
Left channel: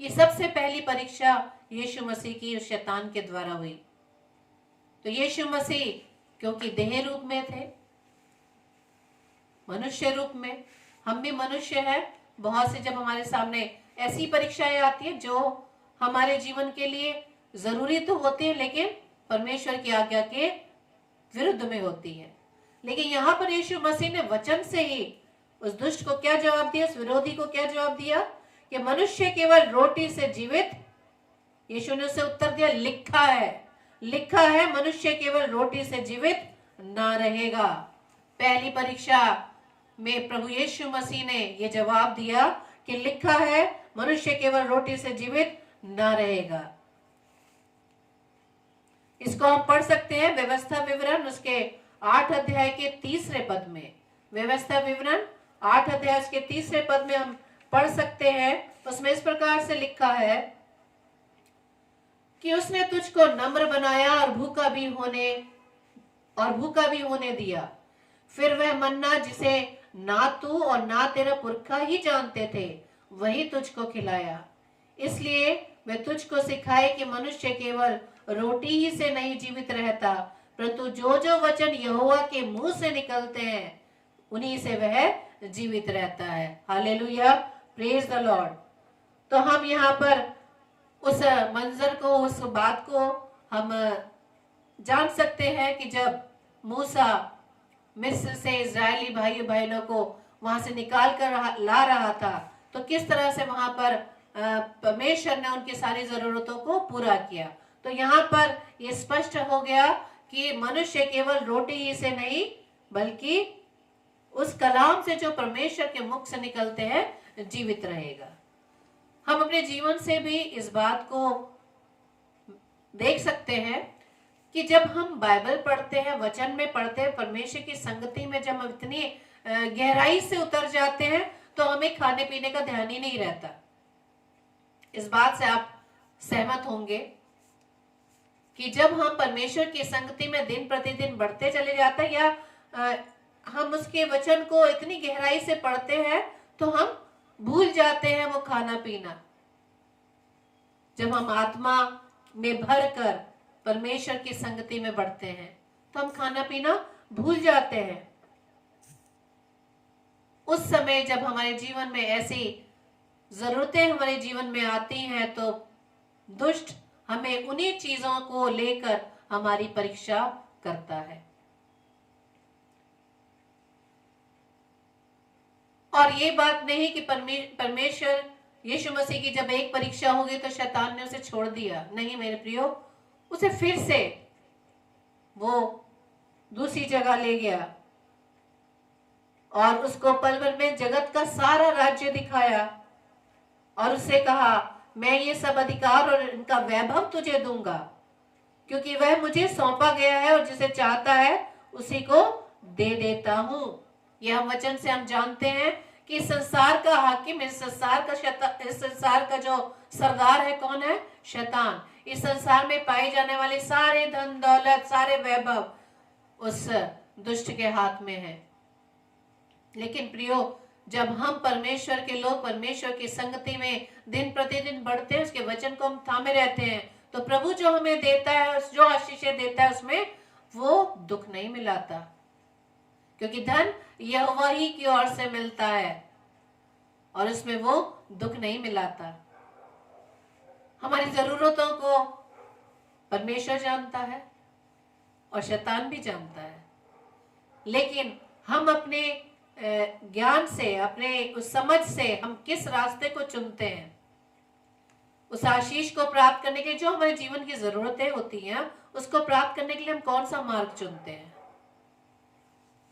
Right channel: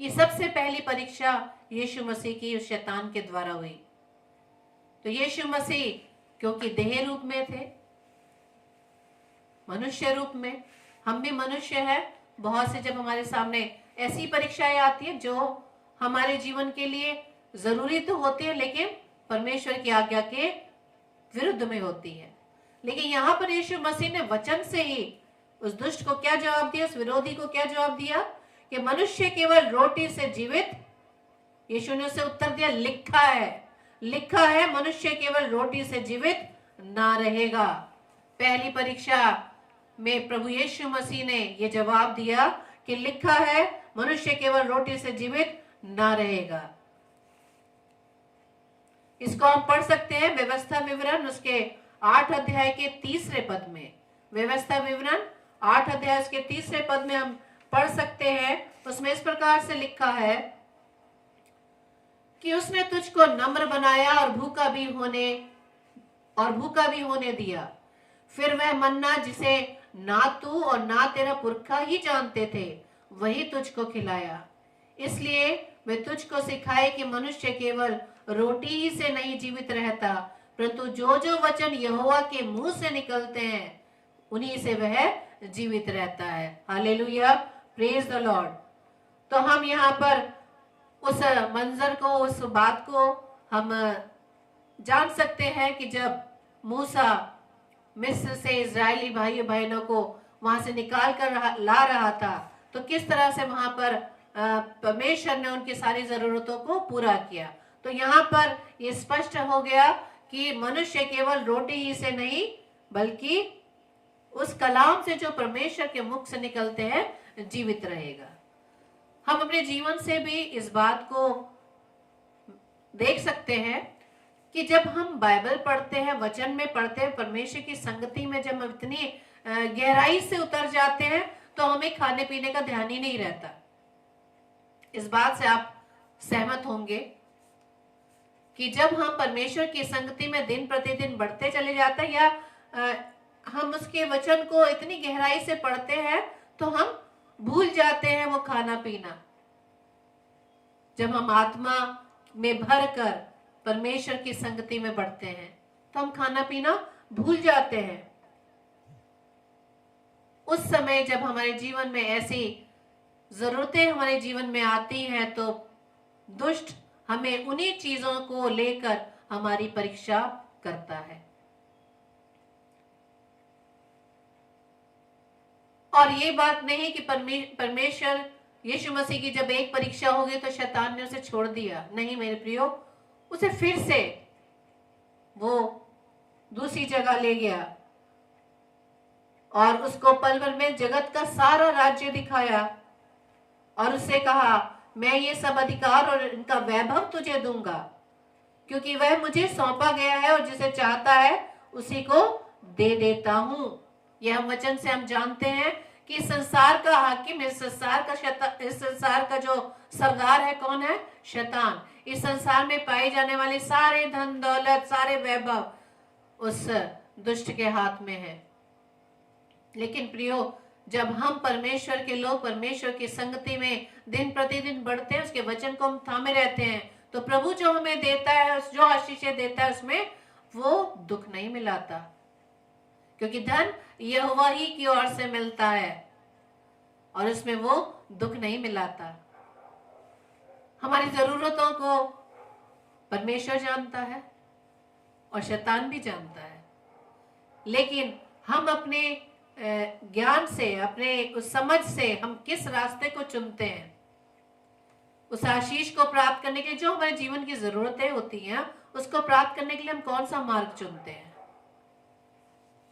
ये सबसे पहली परीक्षा यीशु मसीह की उस शैतान के द्वारा हुई। तो यीशु मसीह क्योंकि देह रूप में थे, मनुष्य रूप में, हम भी मनुष्य हैं, बहुत से जब हमारे सामने ऐसी परीक्षाएं आती है जो हमारे जीवन के लिए जरूरी तो होती है, लेकिन परमेश्वर की आज्ञा के विरुद्ध में होती है। लेकिन यहाँ पर यीशु मसीह ने वचन से ही उस दुष्ट को क्या जवाब दिया, उस विरोधी को क्या जवाब दिया कि मनुष्य केवल रोटी से जीवित। यीशु ने उसे उत्तर दिया, लिखा है, लिखा है, मनुष्य केवल रोटी से जीवित ना रहेगा। पहली परीक्षा में प्रभु यीशु मसीह ने यह जवाब दिया कि लिखा है, मनुष्य केवल रोटी से जीवित ना रहेगा। इसको हम पढ़ सकते हैं व्यवस्था विवरण उसके 8 अध्याय के 3 पद में। व्यवस्था विवरण 8 अध्याय उसके 3 पद में हम पढ़ सकते हैं। उसमें इस प्रकार से लिखा है कि उसने तुझको नम्र बनाया और भूखा भी होने दिया। फिर वह मन्ना जिसे ना तू और ना तेरा पुरखा ही जानते थे, वही तुझको खिलाया। इसलिए मैं तुझको सिखाए कि मनुष्य केवल रोटी ही से नहीं जीवित रहता, परंतु जो जो वचन यहोवा के मुंह से निकलते हैं उन्हीं से वह जीवित रहता है। Hallelujah, praise the Lord. तो हम यहाँ पर उस मंजर को, उस बात को हम जान सकते हैं कि जब मूसा मिस्र से इजरायली भाइयों बहनों को वहां से निकाल कर ला रहा था, तो किस तरह से वहां पर परमेश्वर ने उनकी सारी जरूरतों को पूरा किया। तो यहाँ पर यह स्पष्ट हो गया कि मनुष्य केवल रोटी ही से नहीं, बल्कि उस कलाम से जो परमेश्वर के मुख से निकलते हैं जीवित रहेगा। हम अपने जीवन से भी इस बात को देख सकते हैं कि जब हम बाइबल पढ़ते हैं, वचन में पढ़ते हैं, परमेश्वर की संगति में जब हम इतनी गहराई से उतर जाते हैं तो हमें खाने पीने का ध्यान ही नहीं रहता। इस बात से आप सहमत होंगे कि जब हम परमेश्वर की संगति में दिन प्रतिदिन बढ़ते चले जाते हैं या हम उसके वचन को इतनी गहराई से पढ़ते हैं तो हम भूल जाते हैं वो खाना पीना। जब हम आत्मा में भर कर परमेश्वर की संगति में बढ़ते हैं तो हम खाना पीना भूल जाते हैं। उस समय जब हमारे जीवन में ऐसी जरूरतें हमारे जीवन में आती हैं तो दुष्ट हमें उन्हीं चीजों को लेकर हमारी परीक्षा करता है। और ये बात नहीं कि परमेश्वर यीशु मसीह की जब एक परीक्षा हो गई तो शैतान ने उसे छोड़ दिया। नहीं मेरे प्रियो, उसे फिर से वो दूसरी जगह ले गया और उसको पल भर में जगत का सारा राज्य दिखाया और उससे कहा, मैं ये सब अधिकार और इनका वैभव तुझे दूंगा, क्योंकि वह मुझे सौंपा गया है और जिसे चाहता है उसी को दे देता हूं। यह वचन से हम जानते हैं कि संसार का हाकिम, इस संसार का जो सरदार है कौन है? शैतान। इस संसार में पाई जाने वाली सारे धन दौलत, सारे वैभव उस दुष्ट के हाथ में है। लेकिन प्रियो, जब हम परमेश्वर के लोग परमेश्वर की संगति में दिन प्रतिदिन बढ़ते हैं, उसके वचन को हम थामे रहते हैं, तो प्रभु जो हमें देता है, जो आशीषें देता है, उसमें वो दुख नहीं मिलाता, क्योंकि धन यहोवा ही की ओर से मिलता है और उसमें वो दुख नहीं मिलाता। हमारी जरूरतों को परमेश्वर जानता है और शैतान भी जानता है, लेकिन हम अपने ज्ञान से, अपने उस समझ से हम किस रास्ते को चुनते हैं, उस आशीष को प्राप्त करने के लिए, जो हमारे जीवन की जरूरतें होती हैं, उसको प्राप्त करने के लिए हम कौन सा मार्ग चुनते हैं।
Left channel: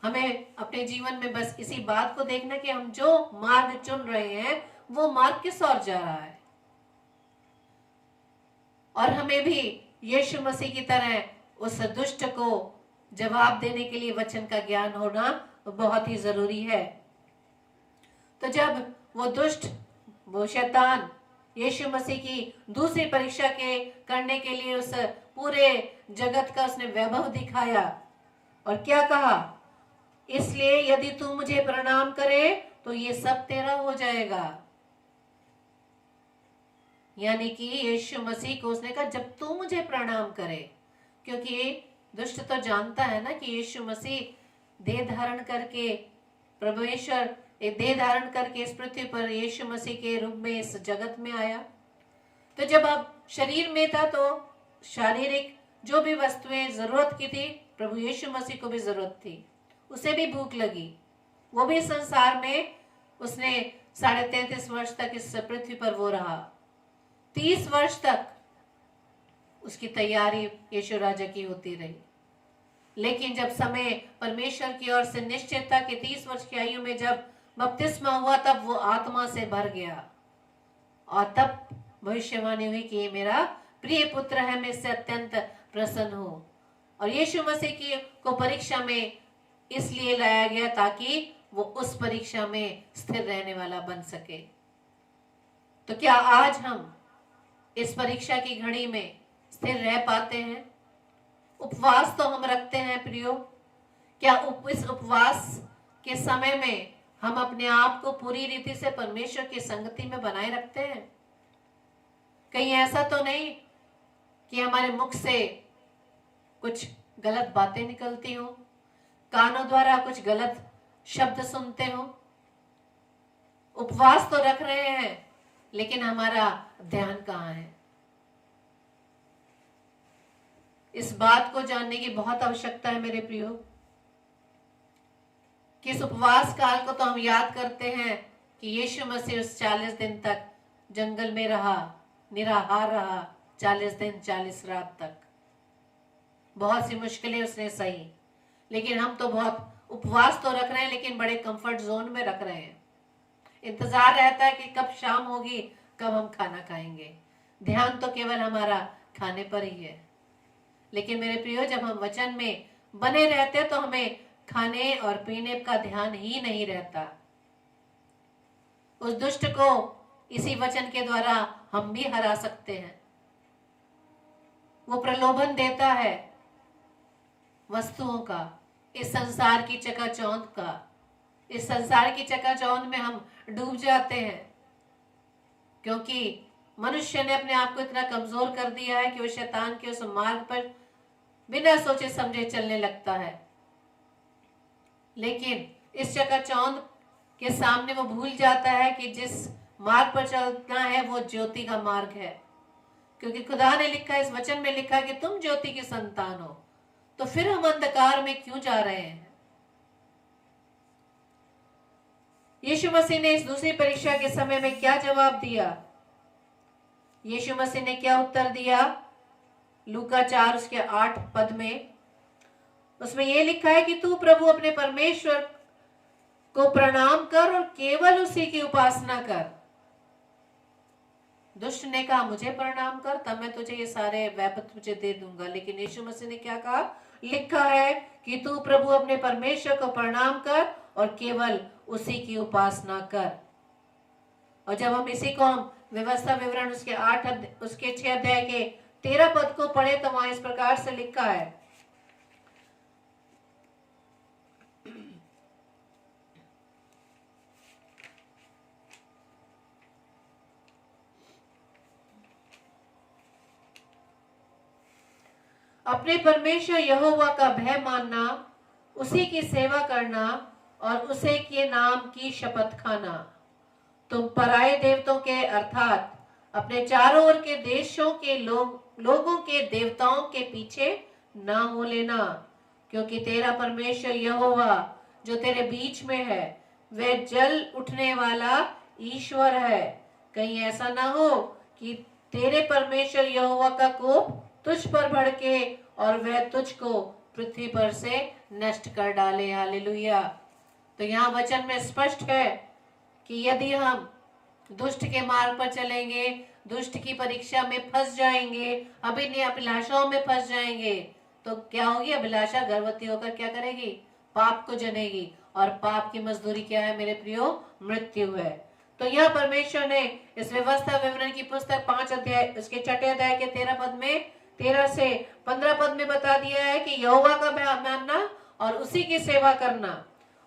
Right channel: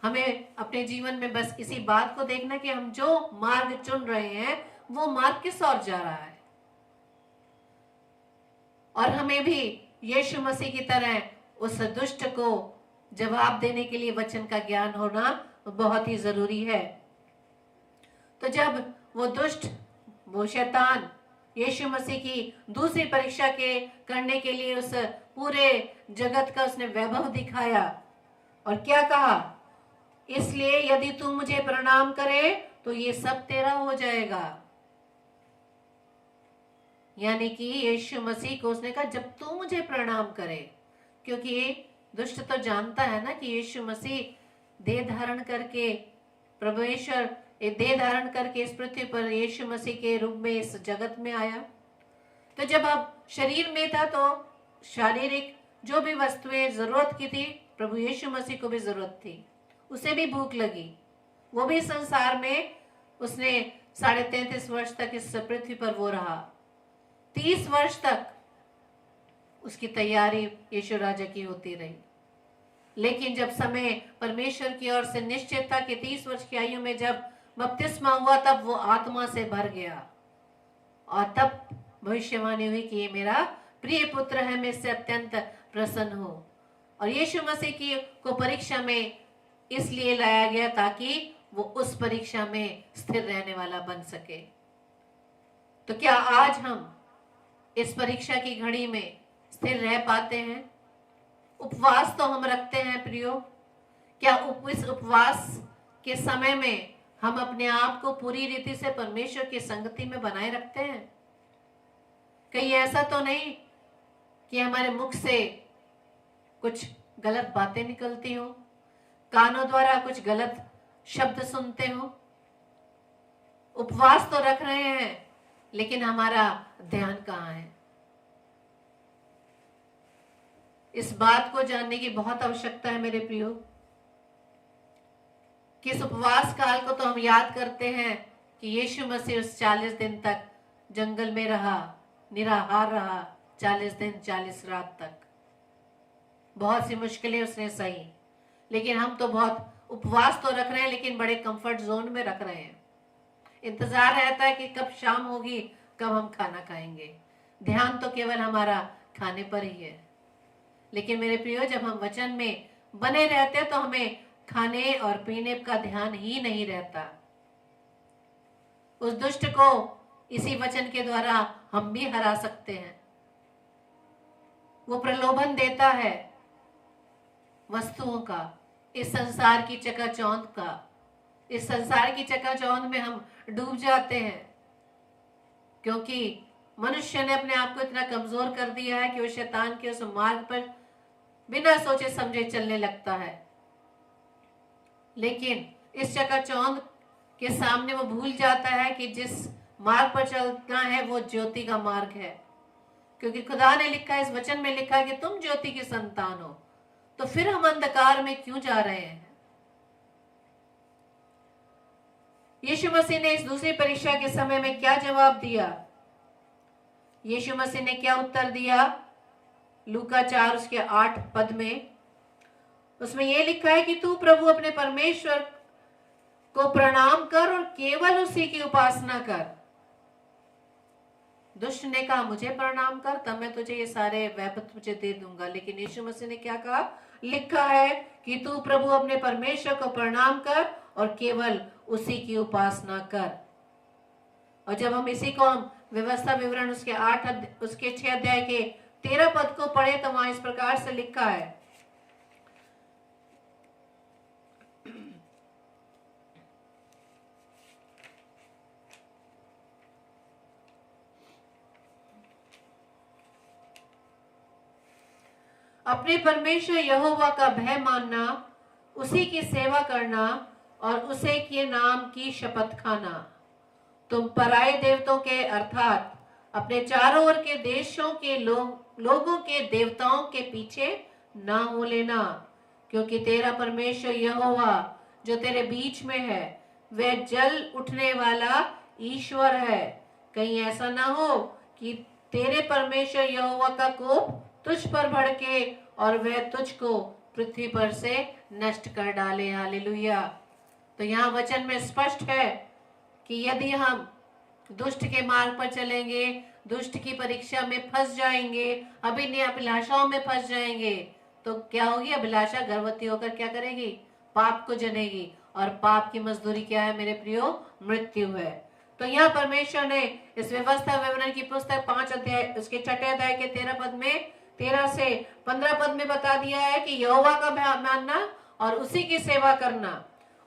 हमें अपने जीवन में बस इसी बात को देखना कि हम जो मार्ग चुन रहे हैं वो मार्ग किस ओर जा रहा है। और हमें भी यीशु मसीह की तरह उस दुष्ट को जवाब देने के लिए वचन का ज्ञान होना बहुत ही जरूरी है। तो जब वो दुष्ट, वो शैतान यीशु मसीह की दूसरी परीक्षा के करने के लिए उस पूरे जगत का उसने वैभव दिखाया और क्या कहा? इसलिए यदि तू मुझे प्रणाम करे तो ये सब तेरा हो जाएगा। यानी कि यीशु मसीह को उसने कहा जब तू मुझे प्रणाम करे, क्योंकि दुष्ट तो जानता है ना कि यीशु मसीह देह धारण करके, परमेश्वर देह धारण करके इस पृथ्वी पर यीशु मसीह के रूप में इस जगत में आया। तो जब अब शरीर में था तो शारीरिक जो भी वस्तुएं जरूरत की थी, प्रभु यीशु मसीह को भी जरूरत थी, उसे भी भूख लगी, वो भी संसार में उसने 33.5 वर्ष तक इस पृथ्वी पर वो रहा। 30 वर्ष तक उसकी तैयारी यीशु राजा की होती रही, लेकिन जब समय परमेश्वर की ओर से निश्चित था कि 30 वर्ष की आयु में जब बपतिस्मा हुआ, तब वो आत्मा से भर गया और तब भविष्यवाणी हुई कि ये मेरा प्रिय पुत्र है, मैं इससे अत्यंत प्रसन्न हूं। और यीशु मसीह की को परीक्षा में इसलिए लाया गया ताकि वो उस परीक्षा में स्थिर रहने वाला बन सके। तो क्या आज हम इस परीक्षा की घड़ी में स्थिर रह पाते हैं? उपवास तो हम रखते हैं प्रियो, क्या इस उपवास के समय में हम अपने आप को पूरी रीति से परमेश्वर की संगति में बनाए रखते हैं? कहीं ऐसा तो नहीं कि हमारे मुख से कुछ गलत बातें निकलती हो, कानों द्वारा कुछ गलत शब्द सुनते हो? उपवास तो रख रहे हैं, लेकिन हमारा ध्यान कहाँ है? इस बात को जानने की बहुत आवश्यकता है मेरे प्रियो, कि इस उपवास काल को तो हम याद करते हैं कि यीशु मसीह उस 40 दिन तक जंगल में रहा, निराहार रहा, 40 दिन 40 रात तक। बहुत सी मुश्किलें उसने सही, लेकिन हम तो बहुत उपवास तो रख रहे हैं, लेकिन बड़े कंफर्ट जोन में रख रहे हैं। इंतजार रहता है कि कब शाम होगी, कब हम खाना खाएंगे। ध्यान तो केवल हमारा खाने पर ही है। लेकिन मेरे प्रियो, जब हम वचन में बने रहते हैं तो हमें खाने और पीने का ध्यान ही नहीं रहता। उस दुष्ट को इसी वचन के द्वारा हम भी हरा सकते हैं। वो प्रलोभन देता है वस्तुओं का, इस संसार की चकाचौंध का। इस संसार की चकाचौंध में हम डूब जाते हैं, क्योंकि मनुष्य ने अपने आप को इतना कमजोर कर दिया है कि वो शैतान के उस मार्ग पर बिना सोचे समझे चलने लगता है। लेकिन इस चकाचौंध के सामने वो भूल जाता है कि जिस मार्ग पर चलना है वो ज्योति का मार्ग है, क्योंकि खुदा ने लिखा, इस वचन में लिखा कि तुम ज्योति की संतान हो। तो फिर हम अंधकार में क्यों जा रहे हैं? यीशु मसीह ने इस दूसरी परीक्षा के समय में क्या जवाब दिया? यीशु मसीह ने क्या उत्तर दिया? लूका 4 उसके 8 पद में, उसमें यह लिखा है कि तू प्रभु अपने परमेश्वर को प्रणाम कर और केवल उसी की उपासना कर। दुष्ट ने कहा मुझे प्रणाम कर, तब मैं तुझे ये सारे वैभव तुझे दे दूंगा। लेकिन यीशु मसीह ने क्या कहा? लिखा है कि तू प्रभु अपने परमेश्वर को प्रणाम कर और केवल उसी की उपासना कर। और जब हम इसी को हम व्यवस्था विवरण उसके 6 अध्याय के 13 पद को पढ़े तो वहां इस प्रकार से लिखा है, अपने परमेश्वर यहोवा का भय मानना, उसी की सेवा करना और उसे के नाम की शपथ खाना। तुम पराये देवताओं के अर्थात अपने चारों ओर के देशों के लोगों के देवताओं के पीछे ना हो लेना, क्योंकि तेरा परमेश्वर यहोवा जो तेरे बीच में है वह जल उठने वाला ईश्वर है। कहीं ऐसा ना हो कि तेरे परमेश्वर यहोवा का कोप तुझ पर भड़के और वह तुझको पृथ्वी पर से नष्ट कर डाले। हालेलुया। तो यहाँ वचन में स्पष्ट है कि यदि हम दुष्ट के मार्ग पर चलेंगे, दुष्ट की परीक्षा में फंस जाएंगे, अभिनय अभिलाषाओं में फंस जाएंगे, तो क्या होगी? अभिलाषा गर्भवती होकर क्या करेगी? पाप को जनेगी, और पाप की मजदूरी क्या है मेरे प्रियो? मृत्यु है। तो यहाँ परमेश्वर ने इस व्यवस्था विवरण की पुस्तक 5 अध्याय उसके 6 अध्याय के 13 पद में 13 से 15 पद में बता दिया है कि यहोवा का मानना और उसी की सेवा करना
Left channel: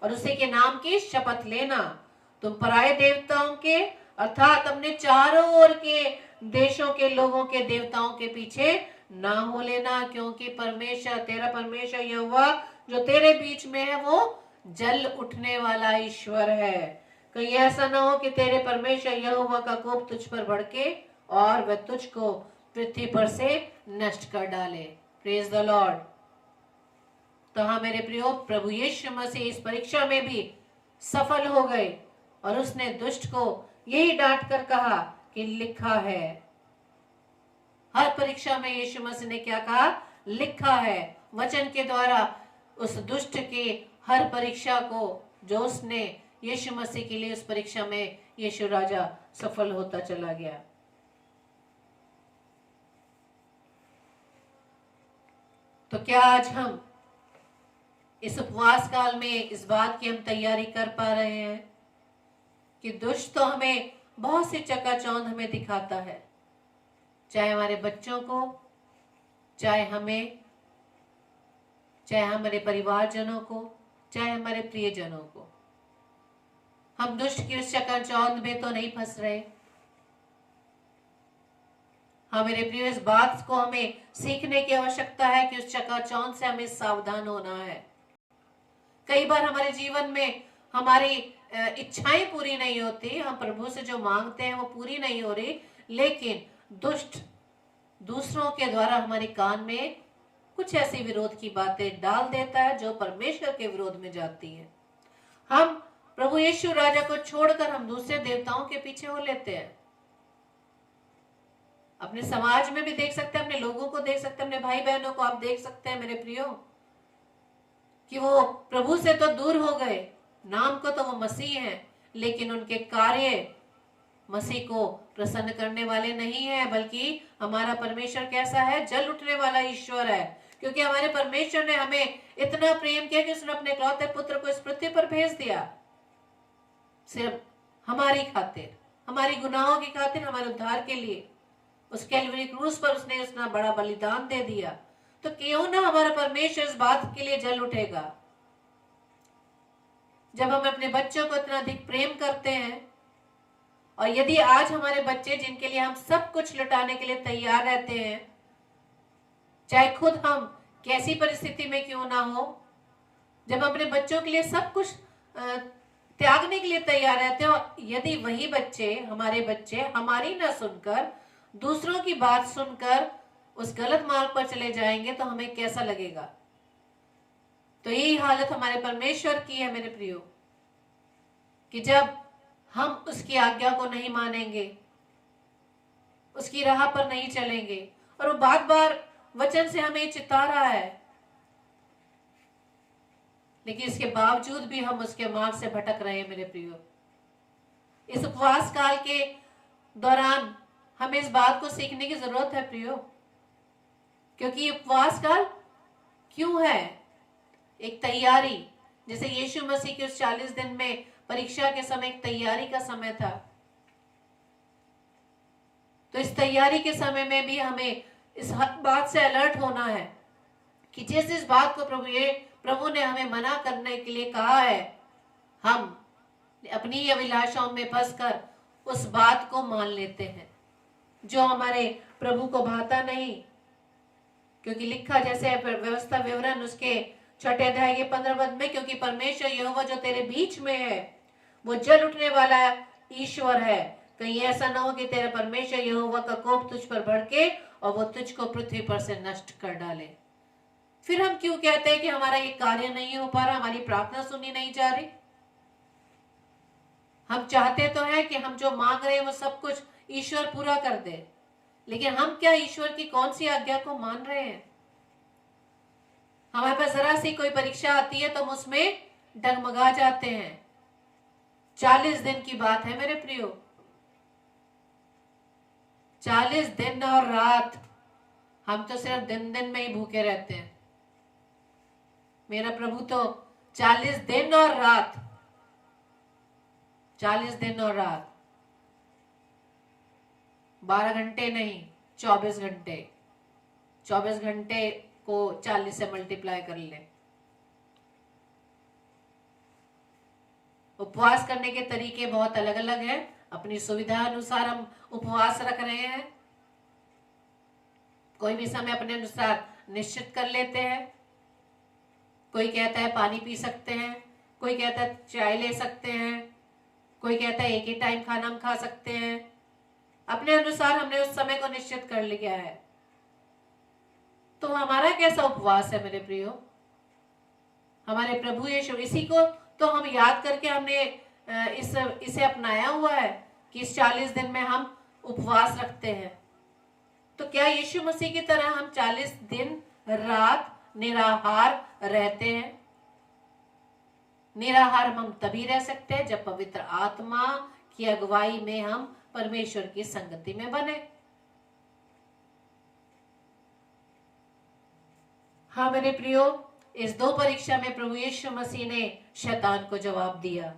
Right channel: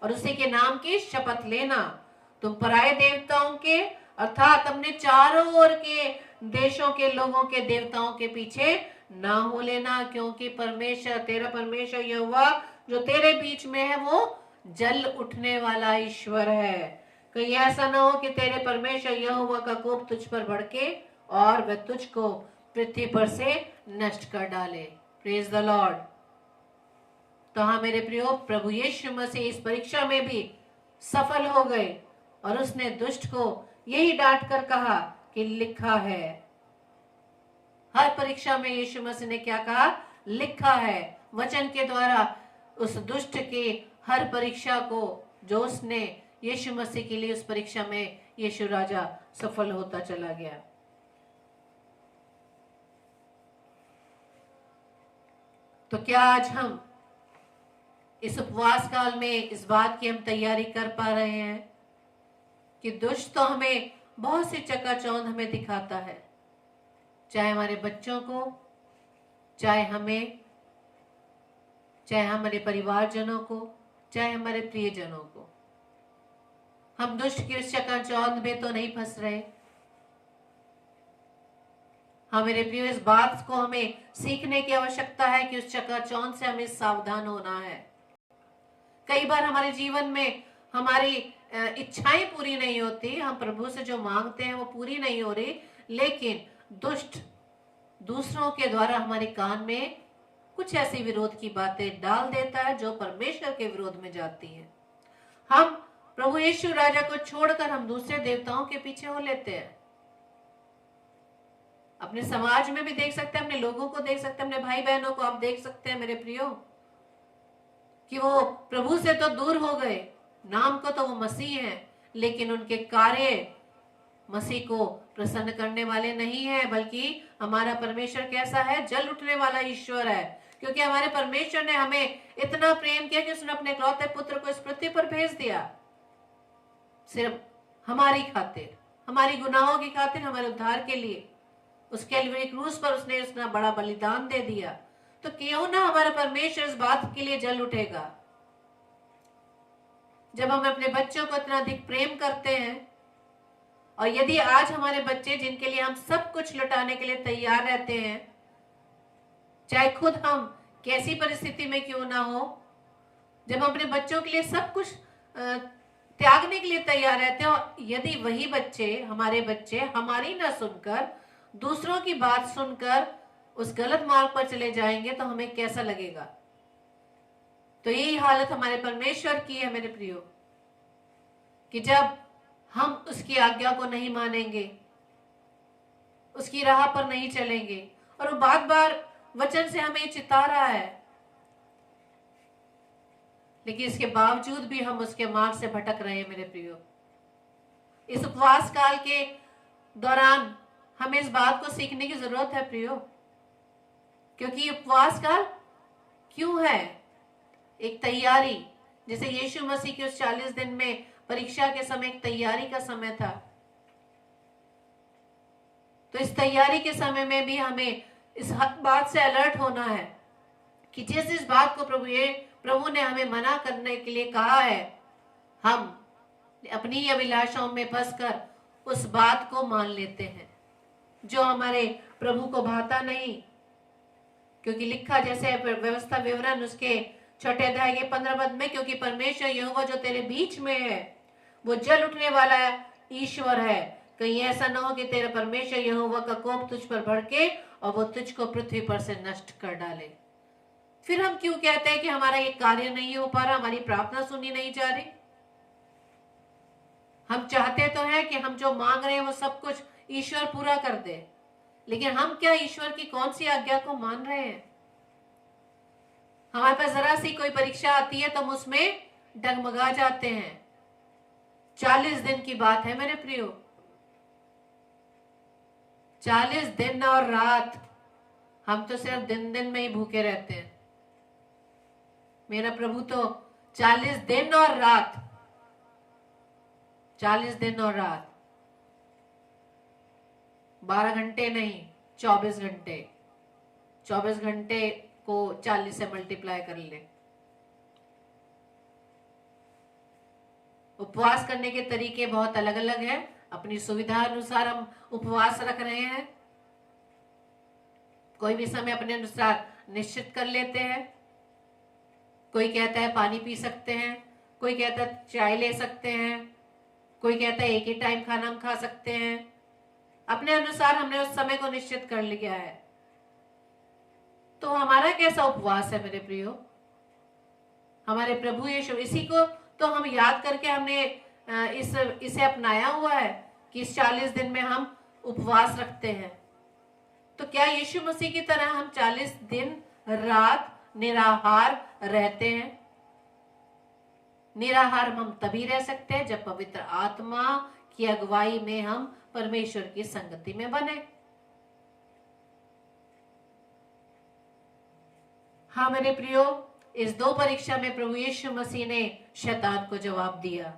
और उसी के नाम की शपथ लेना। तुम पराये देवताओं के अर्थात अपने चारों ओर के देशों के लोगों के देवताओं के पीछे ना हो लेना, क्योंकि परमेश्वर तेरा परमेश्वर यहोवा जो तेरे बीच में है वो जल उठने वाला ईश्वर है। कहीं ऐसा ना हो कि तेरे परमेश्वर यहोवा का कोप तुझ पर भड़के और वह तुझको पृथ्वी पर से नष्ट कर डाले। Praise the Lord. तो हाँ मेरे प्रियो, प्रभु यीशु मसीह इस परीक्षा में भी सफल हो गए और उसने दुष्ट को यही डांट कर कहा कि लिखा है। हर परीक्षा में यीशु मसीह ने क्या कहा? लिखा है। वचन के द्वारा उस दुष्ट की हर परीक्षा को जो उसने यीशु मसीह के लिए उस परीक्षा में यीशु राजा सफल होता चला गया। तो क्या आज हम इस उपवास काल में इस बात की हम तैयारी कर पा रहे हैं कि दुष्ट तो हमें बहुत सी चकाचौंध हमें दिखाता है, चाहे हमारे बच्चों को, चाहे हमें, चाहे हमारे परिवारजनों को, चाहे हमारे प्रियजनों को। हम दुष्ट की उस चकाचौंध में तो नहीं फंस रहे। हाँ मेरे प्रिय, इस बात को हमें सीखने की आवश्यकता है कि उस चकाचौंध से हमें सावधान होना है। कई बार हमारे जीवन में हमारी इच्छाएं पूरी नहीं होती, हम प्रभु से जो मांगते हैं वो पूरी नहीं हो रही, लेकिन दुष्ट दूसरों के द्वारा हमारे कान में कुछ ऐसी विरोध की बातें डाल देता है जो परमेश्वर के विरोध में जाती है। हम प्रभु यीशु राजा को छोड़कर हम दूसरे देवताओं के पीछे हो लेते हैं। अपने समाज में भी देख सकते हैं, अपने लोगों को देख सकते हैं, अपने भाई बहनों को आप देख सकते हैं मेरे प्रियो, कि वो प्रभु से तो दूर हो गए, नाम को तो वो मसीह हैं, लेकिन उनके कार्य मसीह को प्रसन्न करने वाले नहीं है। बल्कि हमारा परमेश्वर कैसा है? जल उठने वाला ईश्वर है, क्योंकि हमारे परमेश्वर ने हमें इतना प्रेम किया कि उसने अपने इकलौते पुत्र को इस पृथ्वी पर भेज दिया, सिर्फ हमारी खातिर, हमारी गुनाहों की खातिर, हमारे उद्धार के लिए। उस कैलवरी क्रूस पर उसने इतना बड़ा बलिदान दे दिया, तो क्यों ना हमारा परमेश्वर इस बात के लिए जल उठेगा। जब हम अपने बच्चों को इतना अधिक प्रेम करते हैं, और यदि आज हमारे बच्चे जिनके लिए हम सब कुछ लुटाने के लिए तैयार रहते हैं, चाहे खुद हम कैसी परिस्थिति में क्यों ना हो, जब हम अपने बच्चों के लिए सब कुछ त्यागने के लिए तैयार रहते हैं, और यदि वही बच्चे, हमारे बच्चे हमारी ना सुनकर दूसरों की बात सुनकर उस गलत मार्ग पर चले जाएंगे, तो हमें कैसा लगेगा? तो यही हालत हमारे परमेश्वर की है मेरे प्रियो, कि जब हम उसकी आज्ञा को नहीं मानेंगे, उसकी राह पर नहीं चलेंगे, और वो बार बार वचन से हमें चिता रहा है, लेकिन इसके बावजूद भी हम उसके मार्ग से भटक रहे हैं मेरे प्रियो। इस उपवास काल के दौरान हमें इस बात को सीखने की जरूरत है प्रियो, क्योंकि उपवास काल क्यों है? एक तैयारी, जैसे यीशु मसीह के उस 40 दिन में परीक्षा के समय एक तैयारी का समय था, तो इस तैयारी के समय में भी हमें इस बात से अलर्ट होना है कि जिस बात को प्रभु ने हमें मना करने के लिए कहा है, हम अपनी अभिलाषाओं में फंसकर उस बात को मान लेते हैं जो हमारे प्रभु को भाता नहीं। क्योंकि लिखा जैसे व्यवस्था विवरण उसके 6 अध्याय के 15 पद में, क्योंकि परमेश्वर यहोवा जो तेरे बीच में है वो जल उठने वाला ईश्वर है, कहीं ऐसा ना हो कि तेरे परमेश्वर यहोवा का कोप तुझ पर भड़के और वो तुझको पृथ्वी पर से नष्ट कर डाले। फिर हम क्यों कहते हैं कि हमारा ये कार्य नहीं हो पा रहा, हमारी प्रार्थना सुनी नहीं जा रही? हम चाहते तो हैं कि हम जो मांग रहे हैं वो सब कुछ ईश्वर पूरा कर दे, लेकिन हम क्या ईश्वर की कौन सी आज्ञा को मान रहे हैं? हमारे पास जरा सी कोई परीक्षा आती है तो हम उसमें डगमगा जाते हैं। 40 दिन की बात है मेरे प्रियो, 40 दिन और रात। हम तो सिर्फ दिन दिन में ही भूखे रहते हैं। मेरा प्रभु तो 40 दिन और रात, 40 दिन और रात, 12 घंटे नहीं, 24 घंटे, 24 घंटे को 40 से मल्टीप्लाई कर ले। उपवास करने के तरीके बहुत अलग अलग हैं, अपनी सुविधा अनुसार हम उपवास रख रहे हैं। कोई भी समय अपने अनुसार निश्चित कर लेते हैं। कोई कहता है पानी पी सकते हैं, कोई कहता है चाय ले सकते हैं, कोई कहता है एक ही टाइम खाना हम खा सकते हैं। अपने अनुसार हमने उस समय को निश्चित कर लिया है। तो हमारा कैसा उपवास है मेरे प्रियो? हमारे प्रभु यीशु, इसी को तो हम याद करके हमने इसे अपनाया हुआ है कि इस 40 दिन में हम उपवास रखते हैं। तो क्या यीशु मसीह की तरह हम 40 दिन रात निराहार रहते हैं? निराहार हम तभी रह सकते हैं जब पवित्र आत्मा की अगुवाई में हम परमेश्वर की संगति में बने। हाँ मेरे प्रियो, इस 2 परीक्षा में प्रभु यीशु मसीह ने शैतान को जवाब दिया।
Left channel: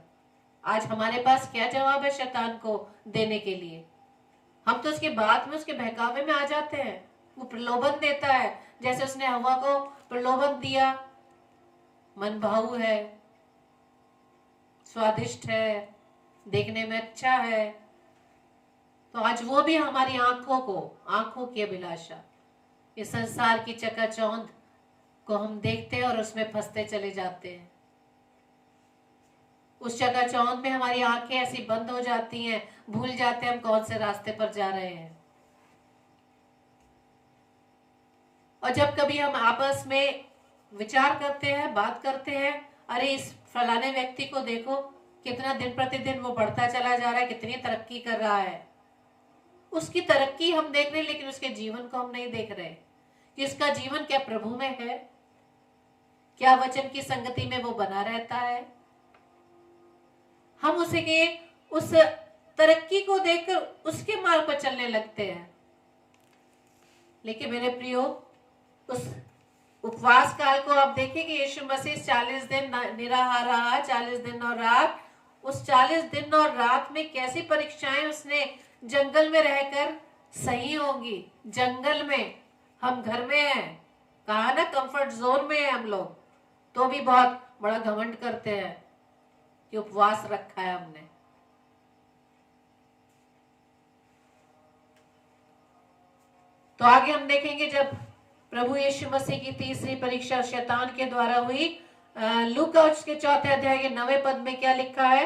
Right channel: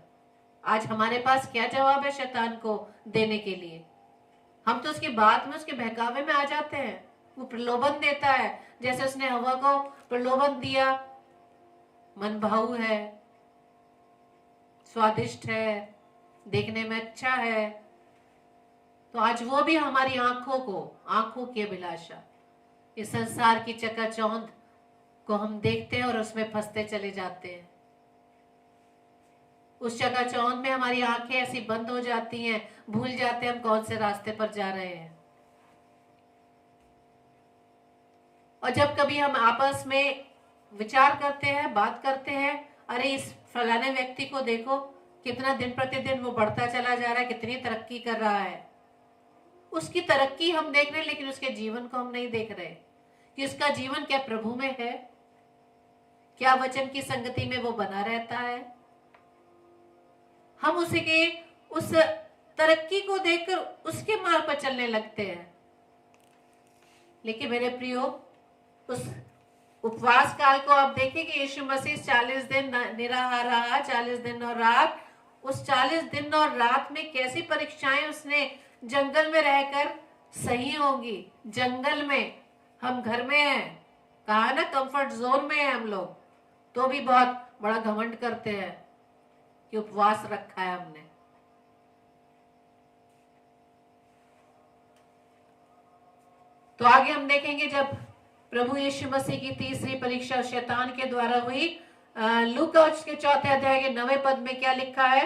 आज हमारे पास क्या जवाब है शैतान को देने के लिए? हम तो उसके बाद में उसके बहकावे में आ जाते हैं। वो प्रलोभन देता है, जैसे उसने हवा को प्रलोभन दिया, मन भाऊ है, स्वादिष्ट है, देखने में अच्छा है। तो आज वो भी हमारी आंखों की अभिलाषा, इस संसार की चकाचौंध को हम देखते हैं और उसमें फंसते चले जाते हैं। उस चकाचौंध में हमारी आंखें ऐसी बंद हो जाती हैं, भूल जाते हैं हम कौन से रास्ते पर जा रहे हैं। और जब कभी हम आपस में विचार करते हैं, बात करते हैं, अरे इस फलाने व्यक्ति को देखो कितना दिन प्रतिदिन वो बढ़ता चला जा रहा है, कितनी तरक्की कर रहा है। उसकी तरक्की हम देख रहे हैं, लेकिन उसके जीवन को हम नहीं देख रहे कि उसका जीवन क्या प्रभु में है, क्या वचन की संगति में वो बना रहता है। हम उस तरक्की को देखकर उसके मार्ग पर चलने लगते हैं। लेकिन मेरे प्रियो, उस उपवास काल को आप देखिए कि यीशु मसीह 40 दिन निराहार रहा, 40 दिन और रात। उस 40 दिन और रात में कैसी परीक्षाएं उसने जंगल में रहकर सही होंगी। जंगल में, हम घर में हैं, कहा ना कंफर्ट जोन में है हम लोग, तो भी बहुत बड़ा घमंड करते हैं कि उपवास रखा है हमने। तो आगे हम देखेंगे जब प्रभु यीशु मसीह की तीसरी परीक्षा शैतान के द्वारा हुई। लूका उसके 4 अध्याय के 9वें पद में क्या लिखा है?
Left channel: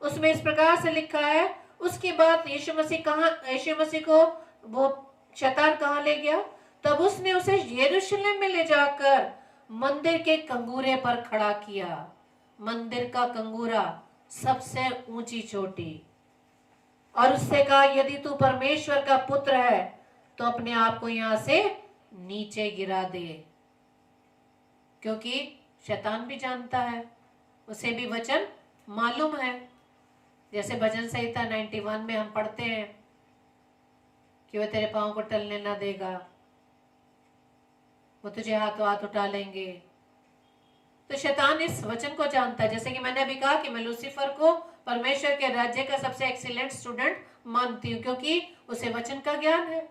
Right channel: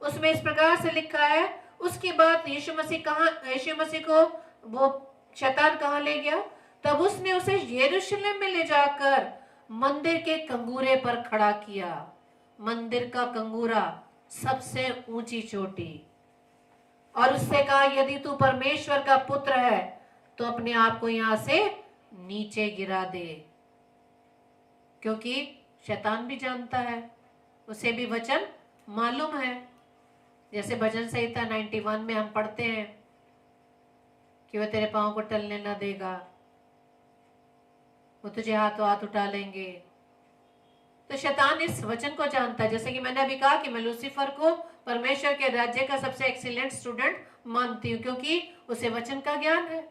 उसमें इस प्रकार से लिखा है, उसके बाद यीशु मसीह को वो शैतान कहाँ ले गया? तब उसने उसे यरूशलेम में ले जाकर मंदिर के कंगूरे पर खड़ा किया। मंदिर का कंगूरा, सबसे ऊंची चोटी, और उससे कहा, यदि तू परमेश्वर का पुत्र है तो अपने आप को यहां से नीचे गिरा दे। क्योंकि शैतान भी जानता है, उसे भी वचन मालूम है। जैसे भजन संहिता 91 में हम पढ़ते हैं कि वह तेरे पाँव को टलने ना देगा, वो तुझे हाथों हाथ उठा लेंगे। तो शैतान इस वचन को जानता है, जैसे कि मैंने अभी कहा कि मैं लूसीफर को परमेश्वर के राज्य का सबसे एक्सीलेंट स्टूडेंट मानती हूँ, क्योंकि उसे वचन का ज्ञान है।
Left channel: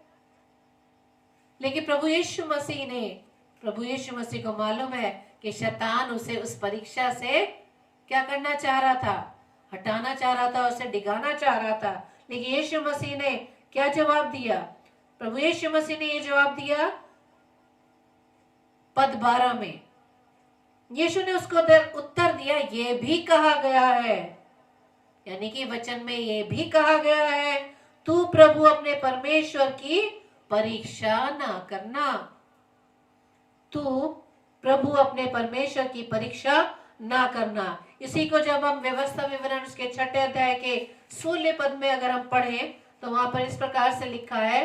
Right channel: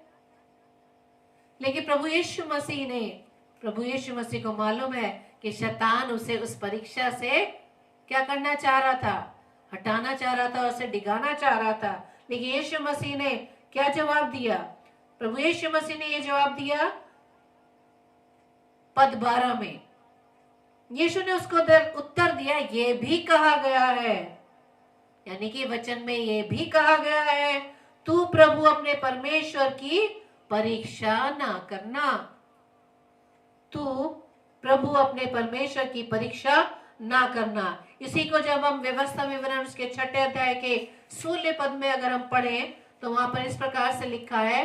लेकिन प्रभु यीशु मसीह को मालूम है कि शैतान उसे उस परीक्षा से क्या करना चाह रहा था, हटाना चाह रहा था, उसे डिगाना चाह रहा था। लेकिन यीशु मसीह ने क्या जवाब दिया? प्रभु यीशु मसीह ने यह जवाब दिया पद 12 में। यीशु ने उसको उत्तर दिया, ये भी कहा गया है, यानी कि वचन में ये भी कहा गया है, तू प्रभु अपने परमेश्वर की परीक्षा ना करना। तू प्रभु अपने परमेश्वर की परीक्षा ना करना। इसी को जब हम व्यवस्था विवरण उसके 6 अध्याय के 16 पद में अगर हम पढ़ें तो वहां पर इस प्रकार से लिखा है,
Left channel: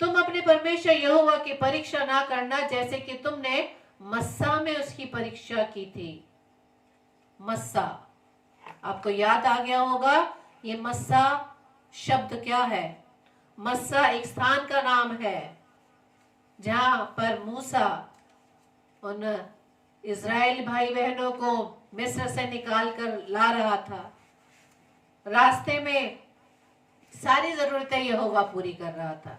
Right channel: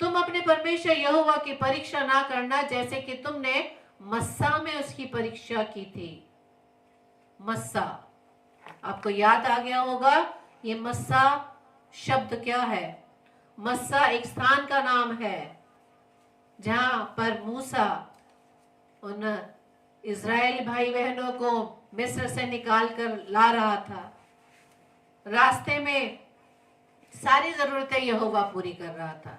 तुम अपने परमेश्वर यहोवा की परीक्षा ना करना, जैसे कि तुमने मस्सा में उसकी परीक्षा की थी। मस्सा, आपको याद आ गया होगा ये मस्सा शब्द क्या है? मस्सा एक स्थान का नाम है जहां पर मूसा उन इज़राइल भाई बहनों को मिस्र से निकाल कर ला रहा था। रास्ते में सारी जरूरतें यहोवा पूरी कर रहा था।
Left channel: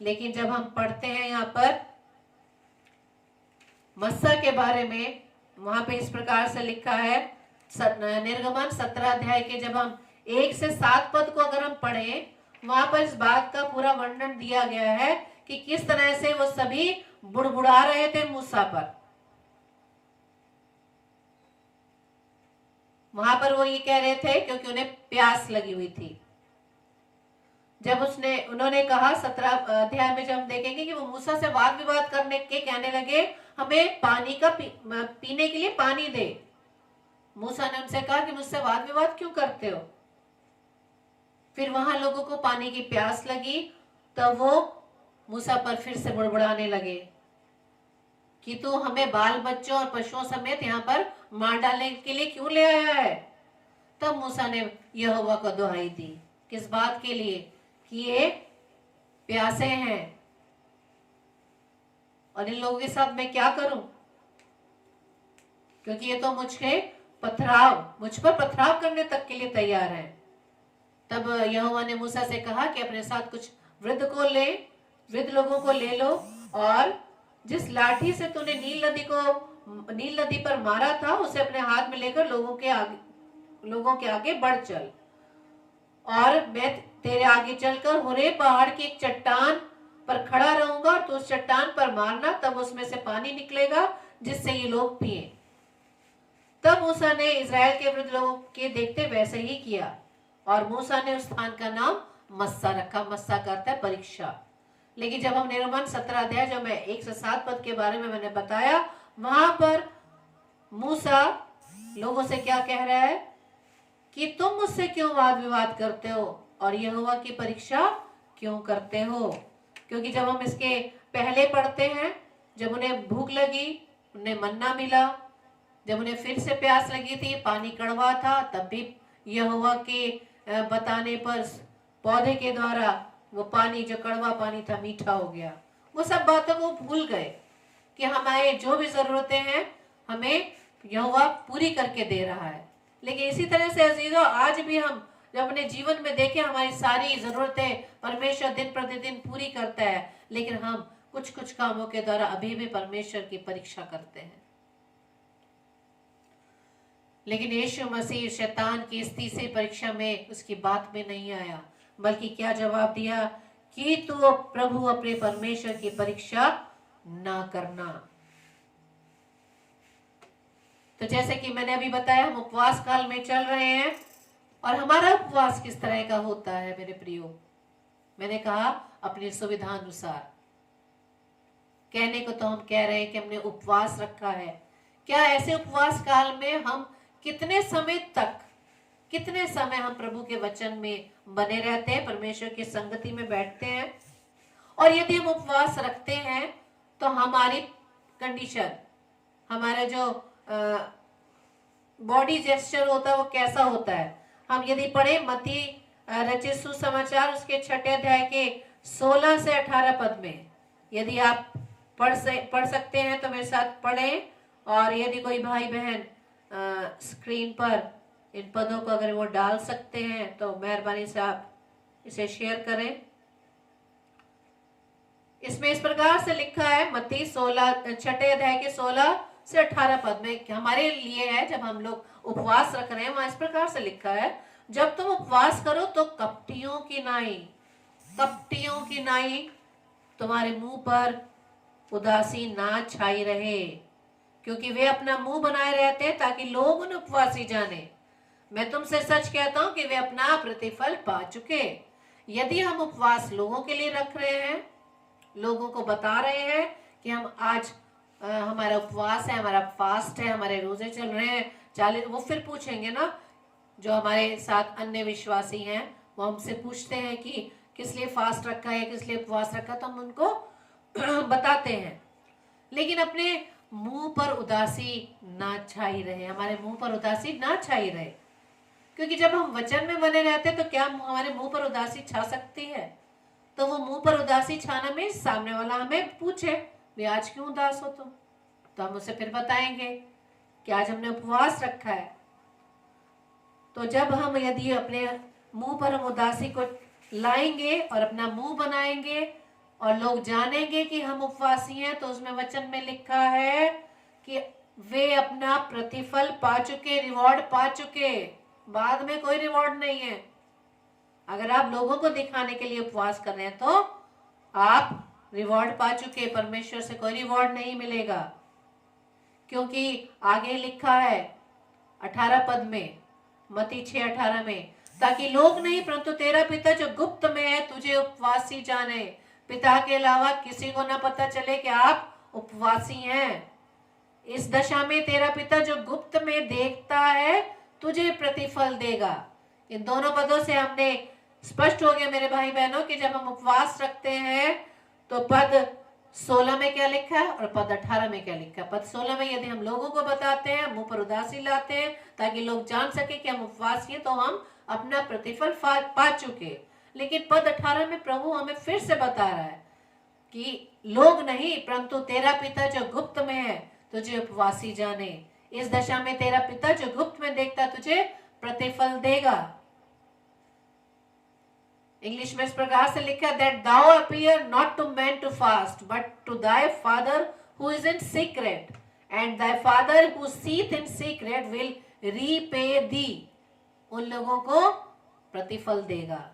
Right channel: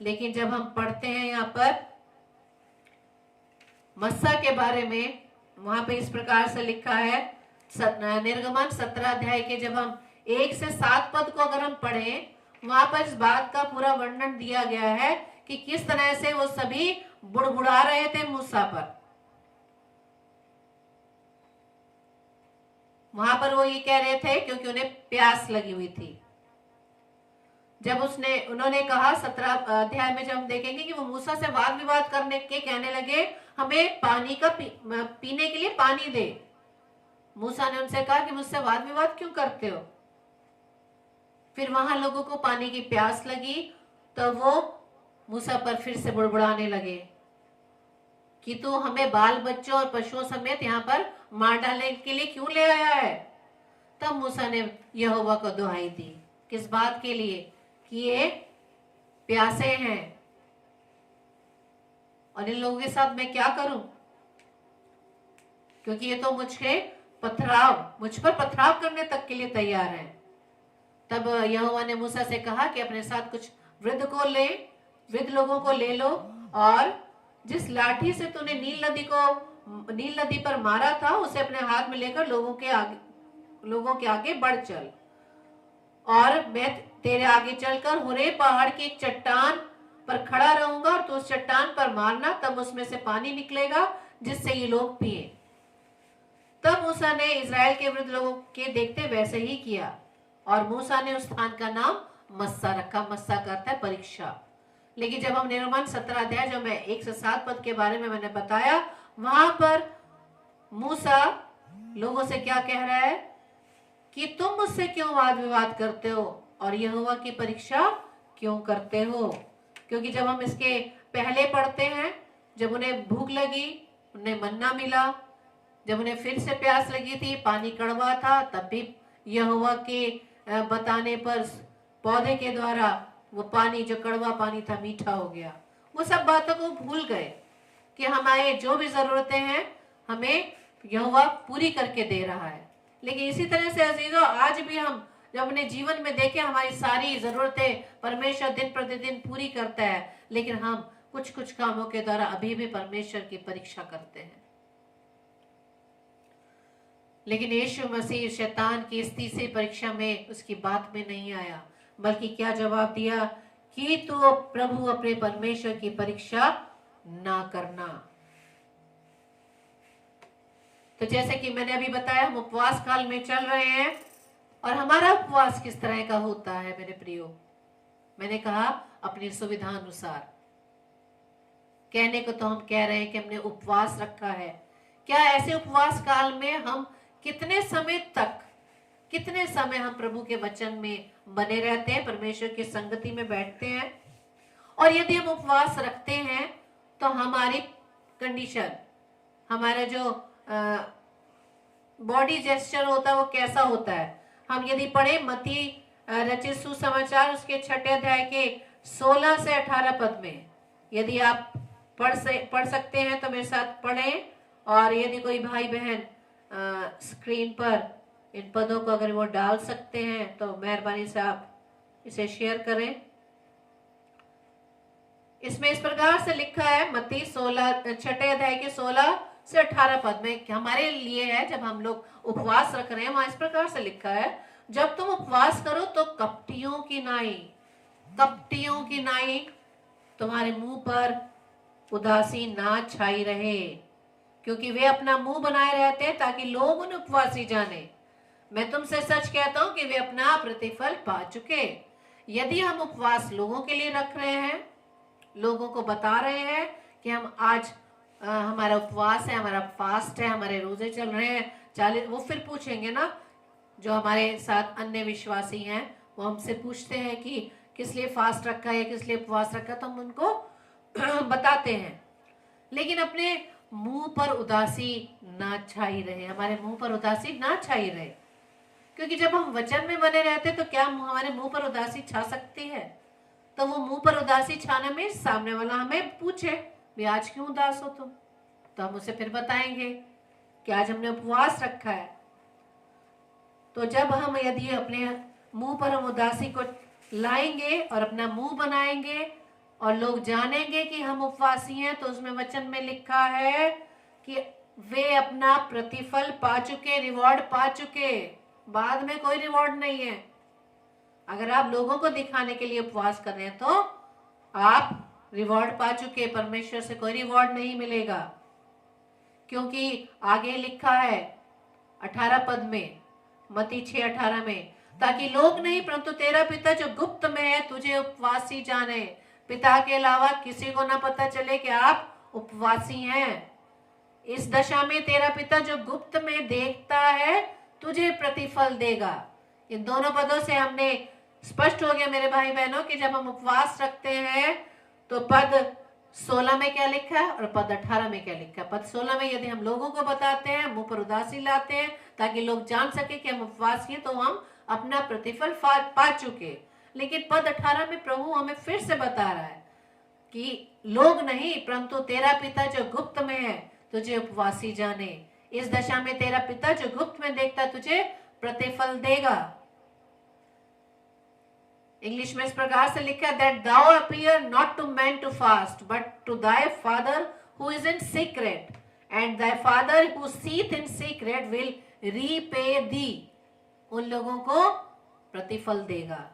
लेकिन जब हम पढ़ते हैं यहाँ पर मस्सा के बारे में, वहां पे इस प्रकार से लिखा है, निर्गमन 17 अध्याय के जब हम 1 से 7 पद को अगर हम पढ़ें, वहां पर इस बात का पूरा वर्णन दिया गया है कि किस तरह से वो सभी बुड़बुड़ा रहे थे मूसा पर। वहां पर वो ये कह रहे थे क्योंकि उन्हें प्यास लगी हुई थी। जब उन्होंने कहा 17 अध्याय में जब हम देखेंगे कि वो मूसा से वाद विवाद करने के कहने लगे, हमें पानी का पीने के लिए पानी दे। मूसा ने उनसे कहा कि मुझसे वाद विवाद क्यों करते हो? फिर वहां लोगों को पानी की प्यास लगी, तो वो मूसा पर फिर से बुड़बुड़ाने लगे कि तू हमें बाल बच्चों और पशुओं समेत यहाँ पर मार डालने के लिए क्यों ले आया है? तब मूसा ने यहोवा को दुहाई दी। किस बात के लिए? कि ये प्यासे हैं और इन लोगों के साथ मैं क्या करूं, क्योंकि ये तो मुझ पर पथराव करने तक के लिए तैयार है। तब यहोवा ने मूसा से कहा कि अपने साथ कुछ वृद्ध लोगों को ले लो, और जिस लाठी से तूने नील नदी पर मारा था उसे अपने हाथ में लेकर लोगों के आगे बढ़ चल, और मैं तेरे आगे चलकर होरे पहाड़ की एक चट्टान पर खड़ा रहूंगा, और तू उस चट्टान पर मारना, तब उसमें से पानी निकलेगा जिससे ये लोग पिए। तब मूसा ने इज़राइल के वृद्ध लोगों के देखते वैसे ही किया, और मूसा ने उस स्थान का नाम मस्सा रखा। मस्सा करता है परीक्षा। लेकिन जब हम निर्गमन 17 अध्याय जो मैं 1 से 7 पद के बारे में मैंने बताया, वहां पर मूसा लोगों से क्या कह रहा है कि तुम मुझसे क्यों वाद विवाद करते हो और यहोवा की परीक्षा क्यों करते हो? क्योंकि जब हम इसके पहले पढ़ते हैं, जब उन्हें भूख लगी, उन्हें मन्ना मिला, जब उन्हें फिर से प्यास लगी थी, पानी कड़वा था, तब भी यहोवा के बताने पर पौधे के द्वारा वो पानी, जो कड़वा पानी था, मीठा हो गया। वो सब बातों को भूल गए कि हमारे जो भी जरूरतें हैं हमें यहोवा पूरी करके दे रहा है। लेकिन इसी तरह से अजीजों, आज भी हम जब अपने जीवन में देखें, हमारी सारी जरूरतें परमेश्वर दिन प्रतिदिन पूरी करता है, लेकिन हम कुछ कुछ कामों के द्वारा अभी भी परमेश्वर की परीक्षा करते हैं। लेकिन यीशु मसीह शैतान की इस तीसरी परीक्षा में उसकी बात में नहीं आया, बल्कि क्या जवाब दिया कि तो प्रभु अपने परमेश्वर की परीक्षा ना करना। तो जैसे कि मैंने अभी बताया, हम उपवास काल में चल रहे हैं, और हमारा उपवास किस तरह का होता है मेरे प्रियो? मैंने कहा अपनी सुविधा अनुसार। कहने को तो हम कह रहे हैं कि हमने उपवास रखा है। क्या ऐसे उपवास काल में हम कितने समय हम प्रभु के वचन में बने रहते हैं, परमेश्वर की संगति में बैठते हैं? और यदि हम उपवास रखते हैं तो हमारी कंडीशन, हमारा जो बॉडी जेस्चर होता है वो कैसा होता है? हम यदि पढ़े मत्ती रचित सुसमाचार उसके 6 अध्याय के 16 से 18 पद में, यदि आप पढ़ सकते हैं तो मेरे साथ पढ़ें। और यदि कोई भाई बहन स्क्रीन पर इन पदों को अगर वो डाल सकते हैं तो मेहरबानी से आप इसे शेयर करें। इसमें इस प्रकार से लिखा है, मत्ती 6 अध्याय के 16 से 18 पद में हमारे लिए है, जब हम लोग उपवास रख रहे हैं, वहां इस प्रकार से लिखा है, जब तुम उपवास करो तो कपटियों की नाई तुम्हारे मुंह पर उदासी ना छाई रहे, क्योंकि वे अपना मुंह बनाए रहते हैं ताकि लोग उन्हें उपवासी जाने। मैं तुमसे सच कहता हूं कि वे अपना प्रतिफल पा चुके। यदि हम उपवास लोगों के लिए रख रहे हैं, लोगों को बता रहे हैं कि हम आज हमारा उपवास है, हमारा फास्ट है, हमारे रोजे चल रहे हैं 40, वो फिर पूछेंगे ना, जो हमारे साथ अन्य विश्वासी हैं वो हमसे पूछते हैं कि किस लिए फास्ट रखा है, किस लिए उपवास रखा, तो हम उनको बताते हैं। लेकिन अपने मुंह पर उदासी ना छाई रहे, हमारे मुंह पर उदासी ना छाई रहे, क्योंकि जब हम वचन में बने रहते तो क्या हमारे मुंह पर उदासी छा सकती है? तो वो मुंह पर उदासी छाना में सामने वाला हमें पूछे, वे आज क्यों उदास हो तुम, तो हम उसे फिर बताएंगे कि आज हमने उपवास रखा है। तो जब हम यदि अपने मुंह पर हम उदासी को लाएंगे और अपना मुंह बनाएंगे और लोग जानेंगे कि हम उपवासी हैं, तो उसमें वचन में लिखा है कि वे अपना प्रतिफल पा चुके, रिवॉर्ड पा चुके, बाद में कोई रिवॉर्ड नहीं है। अगर आप लोगों को दिखाने के लिए उपवास कर रहे हैं तो आप रिवॉर्ड पा चुके, परमेश्वर से कोई रिवॉर्ड नहीं मिलेगा, क्योंकि आगे लिखा है 18 पद में, मत्ती 6:18 में, ताकि लोग नहीं परंतु तेरा पिता जो गुप्त में है तुझे उपवासी जाने। पिता के अलावा किसी को ना पता चले कि आप उपवासी हैं। इस दशा में तेरा पिता जो गुप्त में देखता है तुझे प्रतिफल देगा। इन दोनों पदों से हमने स्पष्ट हो गया मेरे भाई बहनों कि जब हम उपवास रखते हैं तो पद 16 में क्या लिखा है और पद 18 में क्या लिखा है। पद 16 में यदि हम लोगों को बताते हैं, मुंह पर उदासी लाते हैं ताकि लोग जान सके कि हम उपवासी हैं, तो हम अपना प्रतिफल पा चुके। लेकिन पद 18 में प्रभु हमें फिर से बता रहा है कि लोग नहीं परंतु तेरा पिता जो गुप्त में है तुझे उपवासी जाने। इस दशा में तेरा पिता जो गुप्त में देखता तुझे प्रतिफल देगा। इंग्लिश में इस प्रकार से लिखा है, that thou appear not to men to fast, but to thy father who is in secret, and thy father who seeth in secret will repay thee। उन लोगों को प्रतिफल देगा।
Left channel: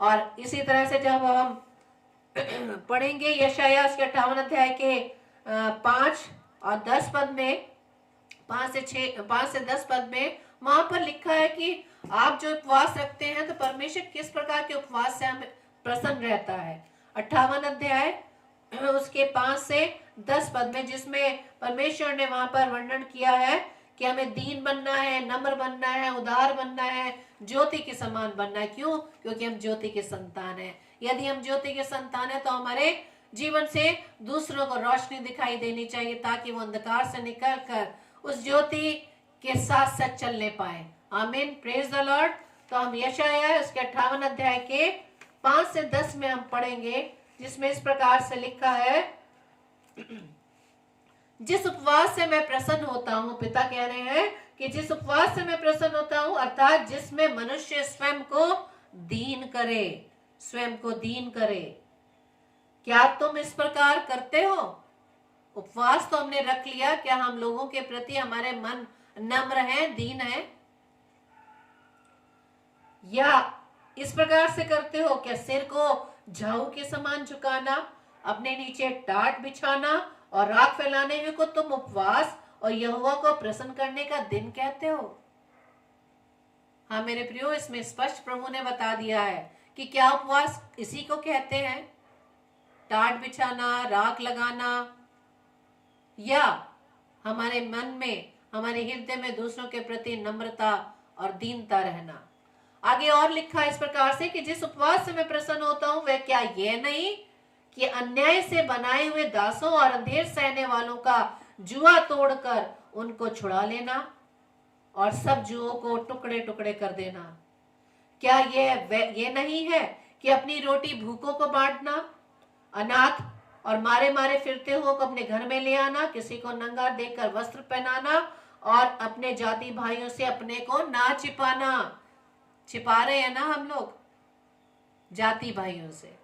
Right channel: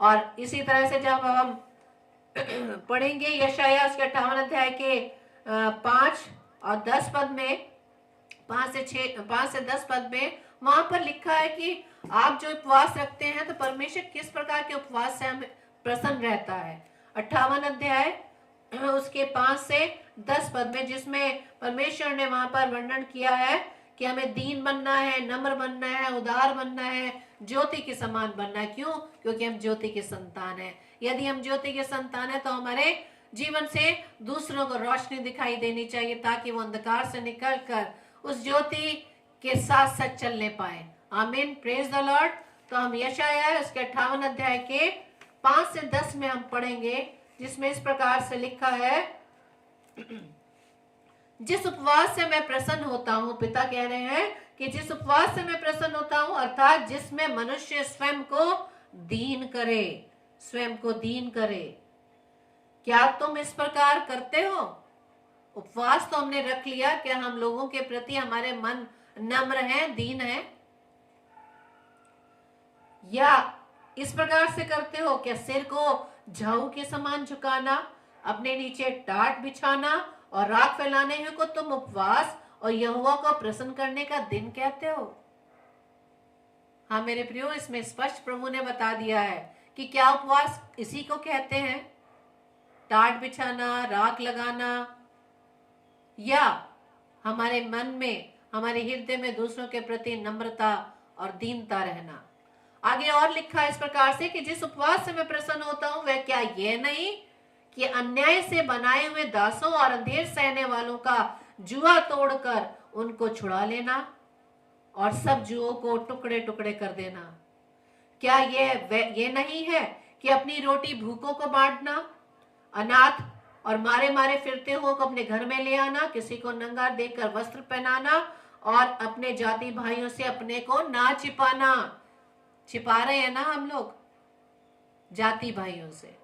और इसी तरह से जब हम पढ़ेंगे यशायाह उसके 58 अध्याय के 5 और 10 पद में, 5 से 10 पद में, वहां पर लिखा है कि आप जो उपवास रखते हैं तो परमेश्वर किस प्रकार के उपवास से हमें प्रसन्न रहता है। 58 अध्याय उसके 5 से 10 पद में, जिसमें परमेश्वर ने वहां पर वर्णन किया है कि हमें दीन बनना है, नम्र बनना है, उदार बनना है, ज्योति के समान बनना है। क्यों? क्योंकि हम ज्योति के संतान हैं। यदि हम ज्योति के संतान हैं तो हमारे जीवन से दूसरों को रोशनी दिखाई देनी चाहिए ताकि वो अंधकार से निकलकर उस ज्योति के साथ साथ चलने पाए। आमीन, प्रेज द लॉर्ड। तो हम यशायाह उसके 58 अध्याय के 5 से 10 में हम पढ़ेंगे, जिसमें इस प्रकार से लिखा है, जिस उपवास से मैं प्रसन्न होता हूँ, पिता कह रहे हैं कि जिस उपवास से मैं प्रसन्न होता हूँ, अर्थात जिसमें मनुष्य स्वयं को दीन करे, स्वयं को दीन करे। क्या तुम इस प्रकार करते हो? उपवास तो हमने रख लिया, क्या हम लोगों के प्रति हमारे मन नम्र हैं, दीन हैं? या इस प्रकार से करते हो? क्या सिर को झाऊ के समान झुकाना, अपने नीचे टाट बिछाना और राख फैलाने को तुम उपवास और यहोवा को प्रसन्न करने का दिन कहते हो? हाँ मेरे प्रियो, इसमें स्पष्ट प्रभु ने बता दिया है कि क्या उपवास इसी को कहते हैं, टाट बिछाना, राख लगाना, या हमारे मन में, हमारे हृदय में दूसरों के प्रति नम्रता और दीनता रहना। आगे और लिखा है इस प्रकार से कि जिस उपवास से मैं प्रसन्न होता हूं वह क्या यह नहीं कि अन्याय से बनाए हुए दासों और अंधेर सहने वालों का जुआ तोड़कर उनको छुड़ा लेना और सब जुओं को टुकड़े टुकड़े कर देना। क्या ये नहीं है कि अपनी रोटी भूखों को बांटना, अनाथ और मारे मारे फिरते हुओं को अपने घर में ले आना, किसी को नंगा देखकर वस्त्र पहनाना और अपने जाति भाइयों से अपने को ना छिपाना। छिपा रहे हैं ना हम लोग जाति भाइयों से,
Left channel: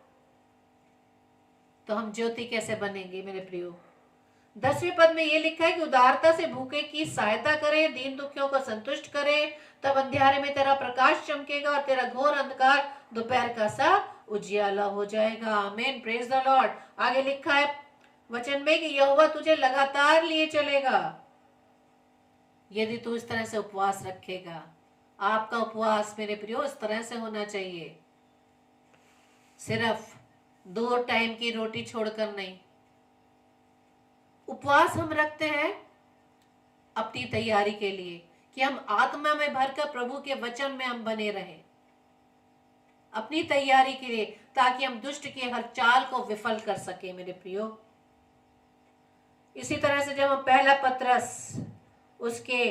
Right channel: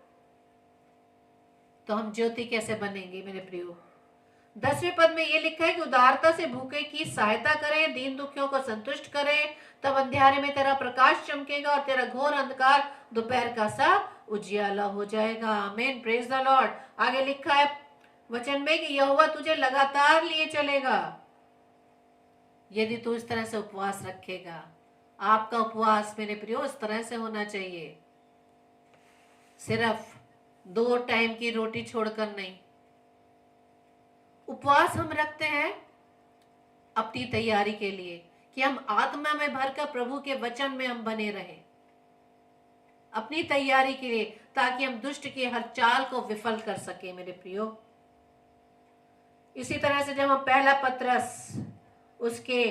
तो हम ज्योति कैसे बनेंगे मेरे प्रियो। 10वें पद में ये लिखा है कि उदारता से भूखे की सहायता करें, दीन दुखियों को संतुष्ट करें, तब अंधेरे में तेरा प्रकाश चमकेगा और तेरा घोर अंधकार दोपहर का सा उजियाला हो जाएगा। आमीन, प्रेज द लॉर्ड। आगे लिखा है वचन में कि यहोवा तुझे लगातार लिए चलेगा यदि तू इस तरह से उपवास रखेगा। आपका उपवास मेरे प्रियो इस तरह से होना चाहिए, सिर्फ 2 टाइम की रोटी छोड़कर नहीं। उपवास हम रखते हैं अपनी तैयारी के लिए कि हम आत्मा में भरकर प्रभु के वचन में हम बने रहें, अपनी तैयारी के लिए, ताकि हम दुष्ट की हर चाल को विफल कर सके मेरे प्रियो। इसी तरह से जब हम पहला पत्रस उसके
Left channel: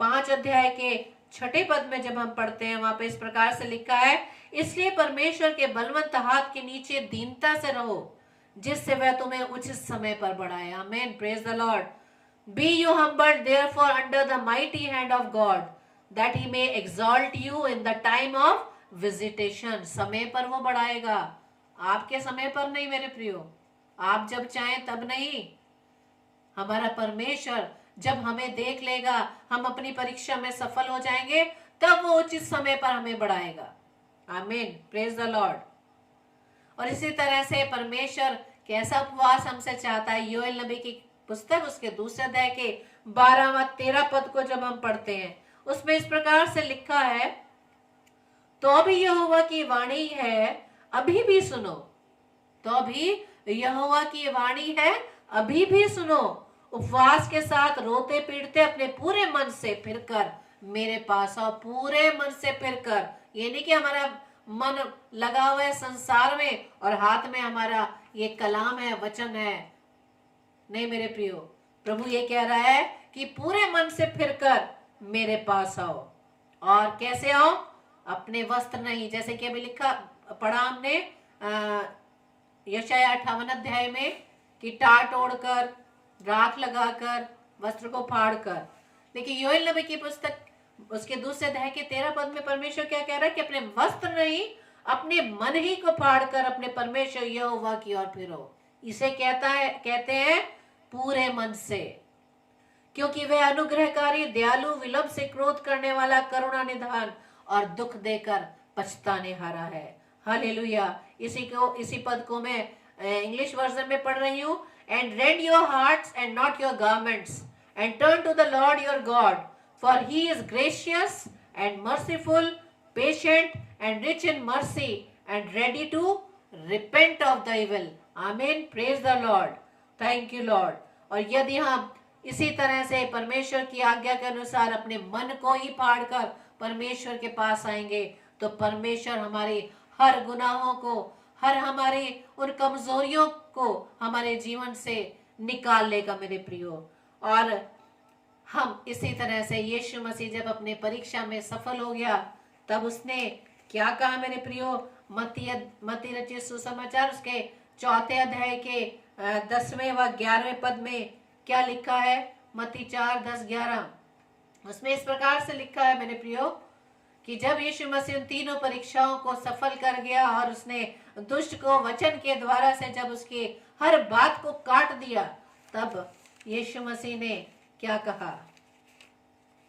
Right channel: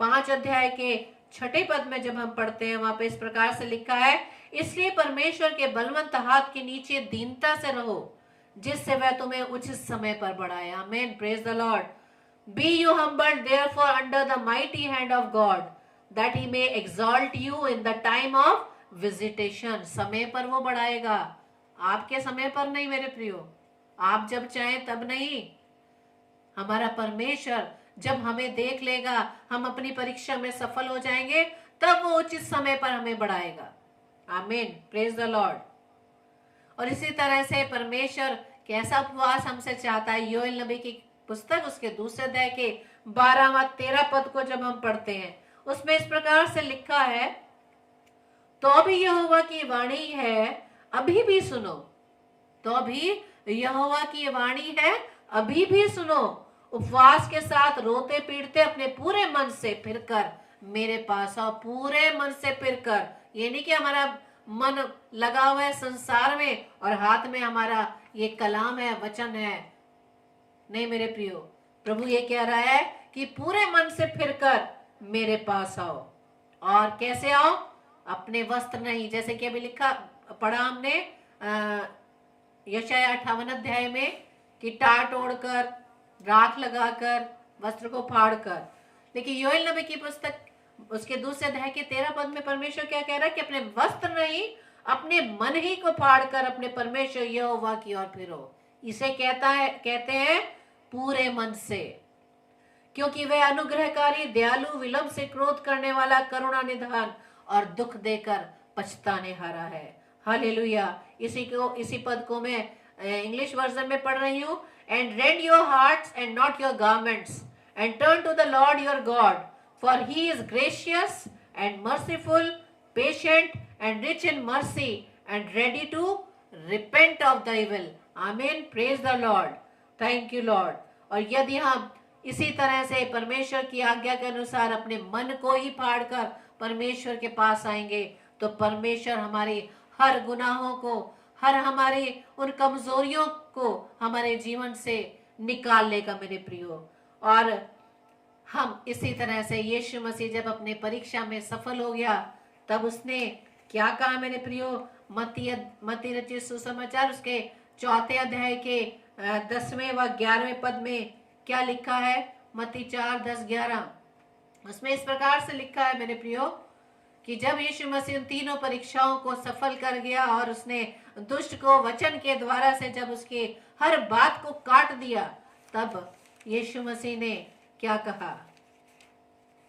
5 अध्याय के 6 पद में जब हम पढ़ते हैं, वहां पे इस प्रकार से लिखा है, इसलिए परमेश्वर के बलवंत हाथ के नीचे दीनता से रहो, जिससे वह तुम्हें उचित समय पर बढ़ाए। आमीन, praise the Lord. Be you humbled therefore under the mighty hand of God, that he may exalt you in the time of visitation. समय पर वो बढ़ाएगा, आपके समय पर नहीं मेरे प्रियो, आप जब चाहें तब नहीं। हमारा परमेश्वर जब हमें देख लेगा, हम अपनी परीक्षा में सफल हो जाएंगे, तब वो उचित समय पर हमें बढ़ाएगा। आमीन, प्रेज द लॉर्ड। और इसी तरह से परमेश्वर कैसा उपवास हमसे चाहता है, योएल नबी की पुस्तक उसके 2 अध्याय के 12 व 13 पद को जब हम पढ़ते हैं, उसमें इस प्रकार से लिखा है, तो अभी यहोवा की वाणी है, अभी भी सुनो। तो अभी यहोवा की वाणी है, अभी भी सुनो। उपवास के साथ रोते पीटते अपने पूरे मन से फिरकर मेरे पास आओ। पूरे मन से फिरकर, ये नहीं कि हमारा मन लगा हुआ है संसार में और हाथ में हमारा ये कलाम है, वचन है। नहीं मेरे प्रियो, प्रभु ये कह रहा है कि पूरे मन से फिरकर मेरे पास आओ। और कैसे आओ? अपने वस्त्र नहीं, जैसे कि अभी लिखा पढ़ा हमने यशायाह 58 अध्याय में कि टाट ओढ़कर, राख लगाकर, वस्त्र को फाड़कर। लेकिन योएल नबी की पुस्तक उसके 2 अध्याय के 13 पद में परमेश्वर क्या कह रहा है कि अपने वस्त्र नहीं, अपने मन ही को फाड़कर अपने परमेश्वर यहोवा की ओर फिरो। इसे कहते हैं पूरे मन से, क्योंकि वह अनुग्रहकारी, दयालु, विलंब से क्रोध करने वाला, करुणा निधान और दुख देकर पछताने हारा है। हालेलुया। इसी पद को मैं इंग्लिश वर्जन में पढ़ रही हूँ। And rend your hearts and not your garments and turn to the Lord your God, for he is gracious and merciful, patient and rich in mercy and ready to repent of the evil. Amen, praise the Lord, thank you Lord. और यदि हम इसी तरह से परमेश्वर की आज्ञा के अनुसार अपने मन को ही फाड़कर परमेश्वर के पास आएंगे, तो परमेश्वर हमारी हर गुनाहों को, हर हमारी उन कमजोरियों को हमारे जीवन से निकाल लेगा मेरे प्रियो। और हम इसी तरह से यीशु मसीह जब अपने परीक्षा में सफल हो गया, तब उसने क्या कहा मेरे प्रियो? मत्ती रचित सुसमाचार उसके 4 अध्याय के 10वें व 11वें पद में क्या लिखा है? मत्ती 4, 10, 11 उसमें इस प्रकार से लिखा है मेरे प्रियो कि जब यीशु मसीह उन तीनों परीक्षाओं को सफल कर गया और उसने दुष्ट को वचन के द्वारा से जब उसकी हर बात को काट दिया, तब यीशु मसीह ने क्या कहा?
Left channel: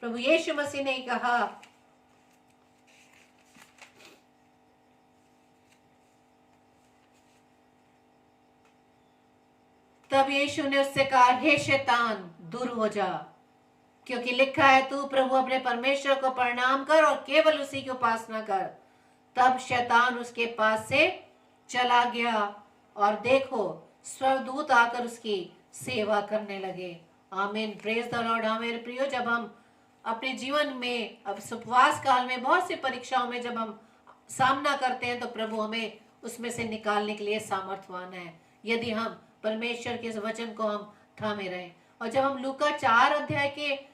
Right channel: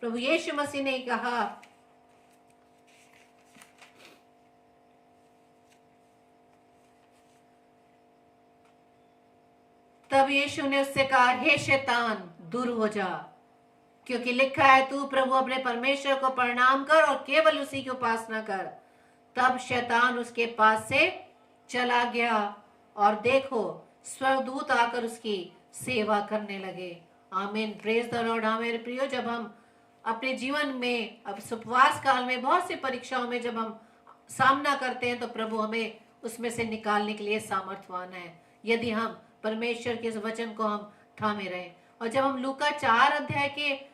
प्रभु यीशु मसीह ने कहा, तब यीशु ने उससे कहा, हे शैतान दूर हो जा, क्योंकि लिखा है तू प्रभु अपने परमेश्वर को प्रणाम कर और केवल उसी की उपासना कर। तब शैतान उसके पास से चला गया और देखो स्वर्गदूत आकर उसकी सेवा करने लगे। आमीन, प्रेज द लॉर्ड। हाँ मेरे प्रियो, जब हम अपने जीवन में अब उपवास काल में बहुत सी परीक्षाओं में जब हम सामना करते हैं, तो प्रभु हमें उसमें से निकालने के लिए सामर्थ्यवान है, यदि हम परमेश्वर के इस वचन को हम थामे रहें। और जब हम लूका 4 अध्याय के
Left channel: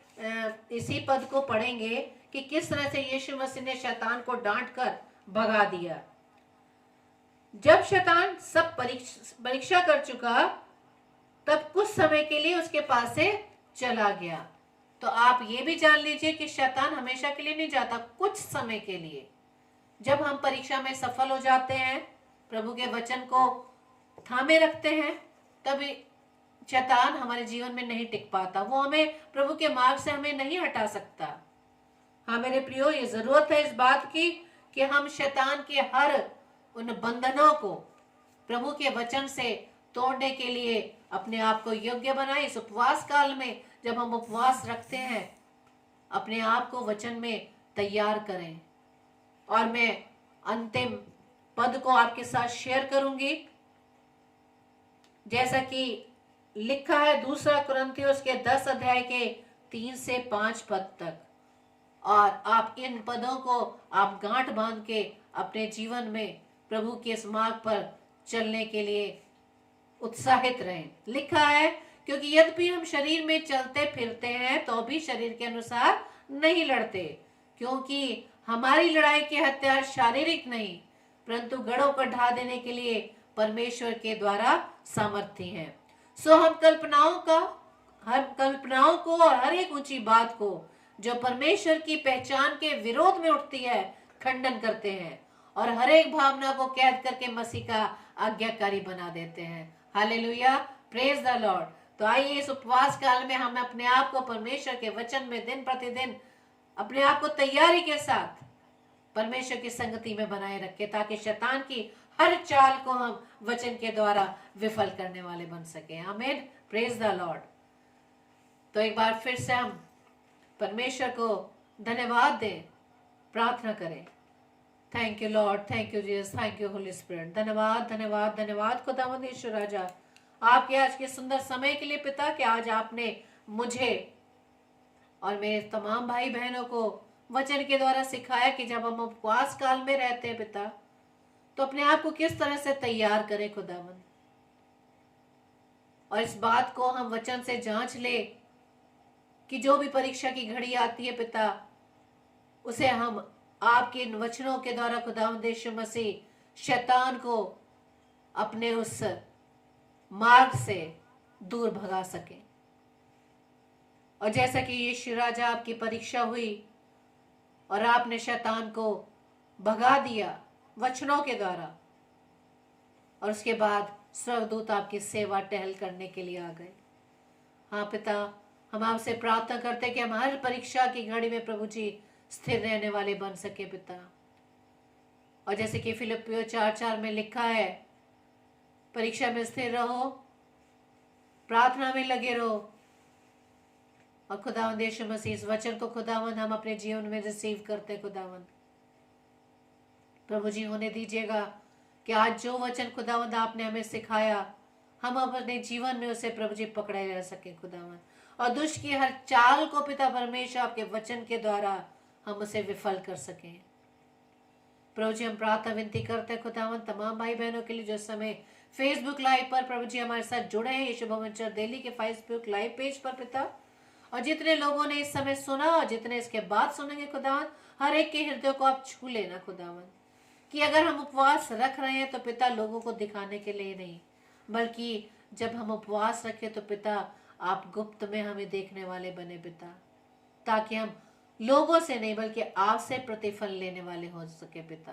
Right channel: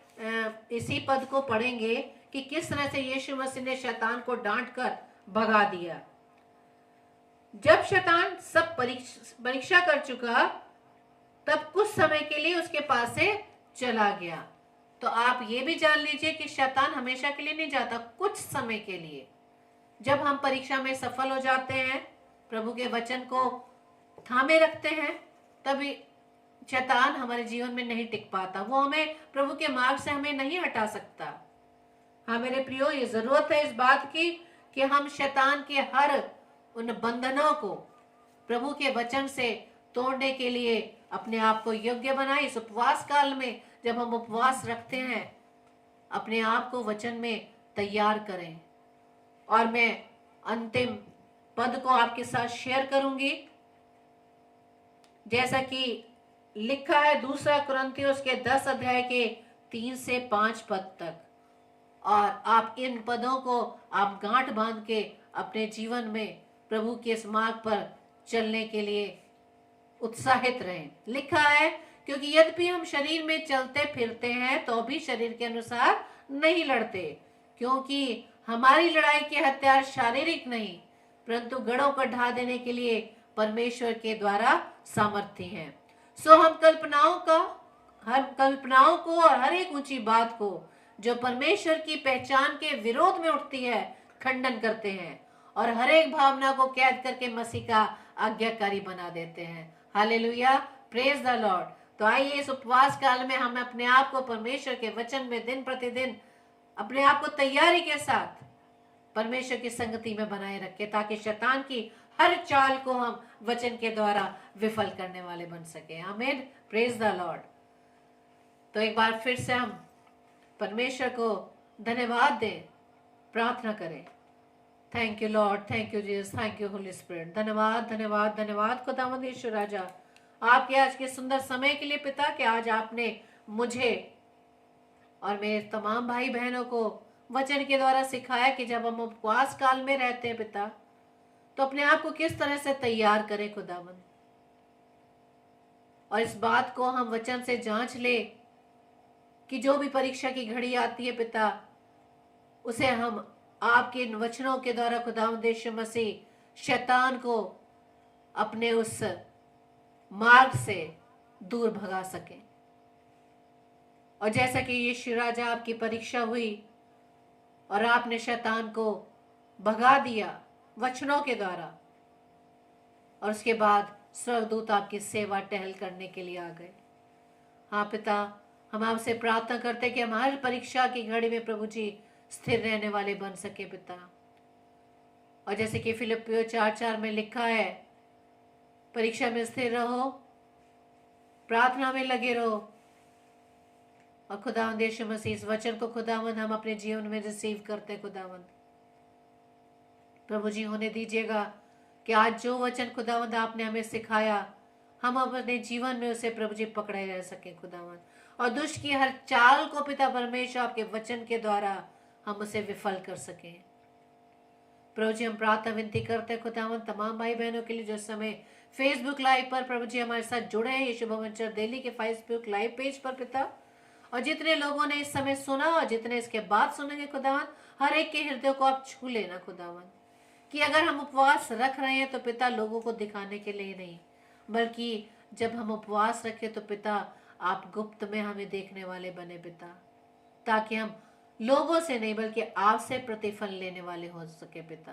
इसी पद को पढ़ेंगे कि किस तरह से यीशु मसीह ने शैतान को डांट कर भगा दिया। जब शैतान सब परीक्षा कर चुका, तब कुछ समय के लिए उसके पास से चला गया। तो आप ये भी जान लीजिए कि शैतान हमेशा के लिए नहीं जाता, कुछ समय के लिए। जब हम परीक्षा में सफल हो जाते हैं, प्रभु के वचन को थामे रखते हैं, तभी शैतान हमारे जीवन में नहीं टिक पाता। वो हमें प्रभु के मार्ग से हमें नहीं हटा सकता। हाँ मेरे प्रियो, ये जरूरत है इस बात की कि हम शैतान के हर उन बंधनों को प्रभु के वचन से तोड़ने के लिए अपने आप को योग्य बनाए। इस उपवास काल में जब हम उपवास रखते हैं, अपने आप को वचन में तैयार करें। और मैं अंतिम पद को आपके साथ शेयर करूंगी, जैसा कि लिखा है 2 कुरिन्थियों के 10 अध्याय के 3 से 5 पद तक। और आप इन पदों को आप गांठ बांध के अपने जीवन में प्रभु के इस मार्ग पर चलने के लिए उत्साहित रहें। लिखा है, क्योंकि यद्यपि हम शरीर में चलते फिरते हैं तो भी शरीर के अनुसार नहीं लड़ते, क्योंकि हमारी लड़ाई के हथियार शारीरिक नहीं परंतु गढ़ों को ढा देने के लिए परमेश्वर के द्वारा सामर्थ्य हैं। सो हम कल्पनाओं को और हर एक ऊंची बात को जो परमेश्वर की पहचान के विरोध में उठती है खंडन करते हैं, और हर एक भावना को कैद करके मसीह का आज्ञाकारी बना देते हैं। Hallelujah, praise the Lord. तो आइए इस उपवास काल में हम अपने आप को परमेश्वर के वचन में दिन प्रतिदिन अपने आप को तैयारी के साथ परमेश्वर की संगति में बनाए रखें, ताकि शैतान की हर चाल को हम वचन के द्वारा विफल करने वाले बन सके। आमीन, प्रेज द लॉर्ड। तो एक बार फिर से हम परमेश्वर को धन्यवाद दें, प्रार्थना करें। Thank you Lord, thank you Jesus, thank you Holi spirit. धन्यवाद धन्यवाद धन्यवाद खुदावंद यीशु राजा, आपके आज के सुंदर समय के लिए पिता, कि आज आपने मुझे और मेरे तमाम भाई बहनों को वचन के द्वारा सिखाया कि जब हम उपवास काल में रहते हैं पिता, तो अपने आप को किस तरह से तैयार करें खुदावंद, और इस बात को हम वचन से जांच ले कि जो भी परीक्षा की घड़ी आती है पिता, उसे हम आपके इन वचनों के द्वारा खुदावंद यीशु मसीह शैतान को अपने उस मार्ग से दूर भगा सके। और जैसा कि यीशु राजा आपकी परीक्षा हुई और आपने शैतान को भगा दिया वचनों के द्वारा, और उसके बाद स्वर्गदूत आपकी सेवा टहल करने के लिए आ गए। हाँ पिता, हम आपसे प्रार्थना करते हैं कि हम हर परीक्षा की घड़ी में प्रभु जी स्थिर रहने वाले बन सके पिता। और जैसे कि फिलिपियों 4:4 में लिखा है, परीक्षा में स्थिर रहो, प्रार्थना में लगे रहो। और खुदावंद यीशु मसीह, इस वचन को खुदावंद हम अपने जीवन में रिसीव करते खुदावंद। प्रभु जी होने दीजिएगा कि आज जो वचन खुदावंद आपने हमें सिखाया, हम अपने जीवन में उसे प्रभु जी पकड़े रह सके खुदावंद, और दुष्ट की हर चाल को पिता परमेश्वर आपके वचन के द्वारा हम उसे विफल कर सकें। प्रभु जी हम प्रार्थना विनती करते हैं खुदावंद तमाम भाई बहनों के लिए जो समय फेसबुक लाइव पर प्रभु जी हमारे साथ जुड़े हैं, यीशु भवन चर्च दिल्ली के फेसबुक लाइव पेज पर पिता, और जितने लोगों ने इस समय सुना और जितने इसके बाद सुनेंगे खुदावंद, हर एक के हृदय को आप छू लेना खुदावंद, कि अगर हम उपवास रख रहे हैं तो पिता लोगों को दिखाने के लिए नहीं, बल्कि जब हम उपवास रखें तो पिता आप गुप्त में हमें देखने वाले बने पिता, ताकि हम लोगों से नहीं बल्कि आपसे प्रतिफल लेने वाले हो सके पिता।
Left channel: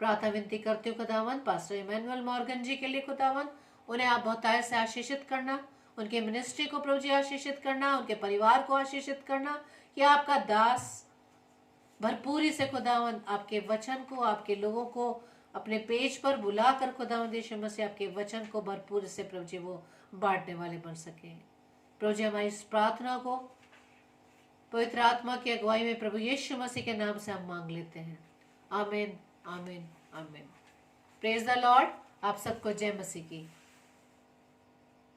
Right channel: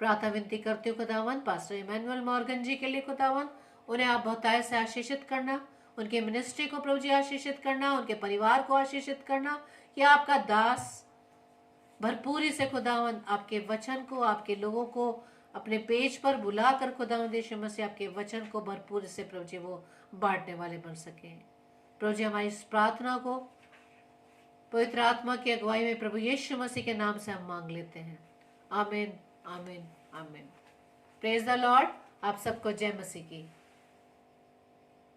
प्रार्थना विनती करती हूँ खुदावंद पास्टर इमैनुअल मॉर्गन जी के लिए खुदावंद, उन्हें आप बहुतायत से आशीषित करना, उनके मिनिस्ट्री को प्रभु जी आशीषित करना, उनके परिवार को आशीषित करना, कि आपका दास भरपूरी से खुदावंद आपके वचन को, आपके लोगों को अपने पेज पर बुलाकर खुदावंद यीशु मसीह आपके वचन को भरपूर से प्रभु जी वो बांटने वाले बन सके। प्रभु जी हमारी इस प्रार्थना को पवित्र आत्मा की अगुवाई में प्रभु यीशु मसीह के नाम से हम मांग लेते हैं। आमीन आमीन आमीन। Praise the Lord. आप सबको जय मसीह की।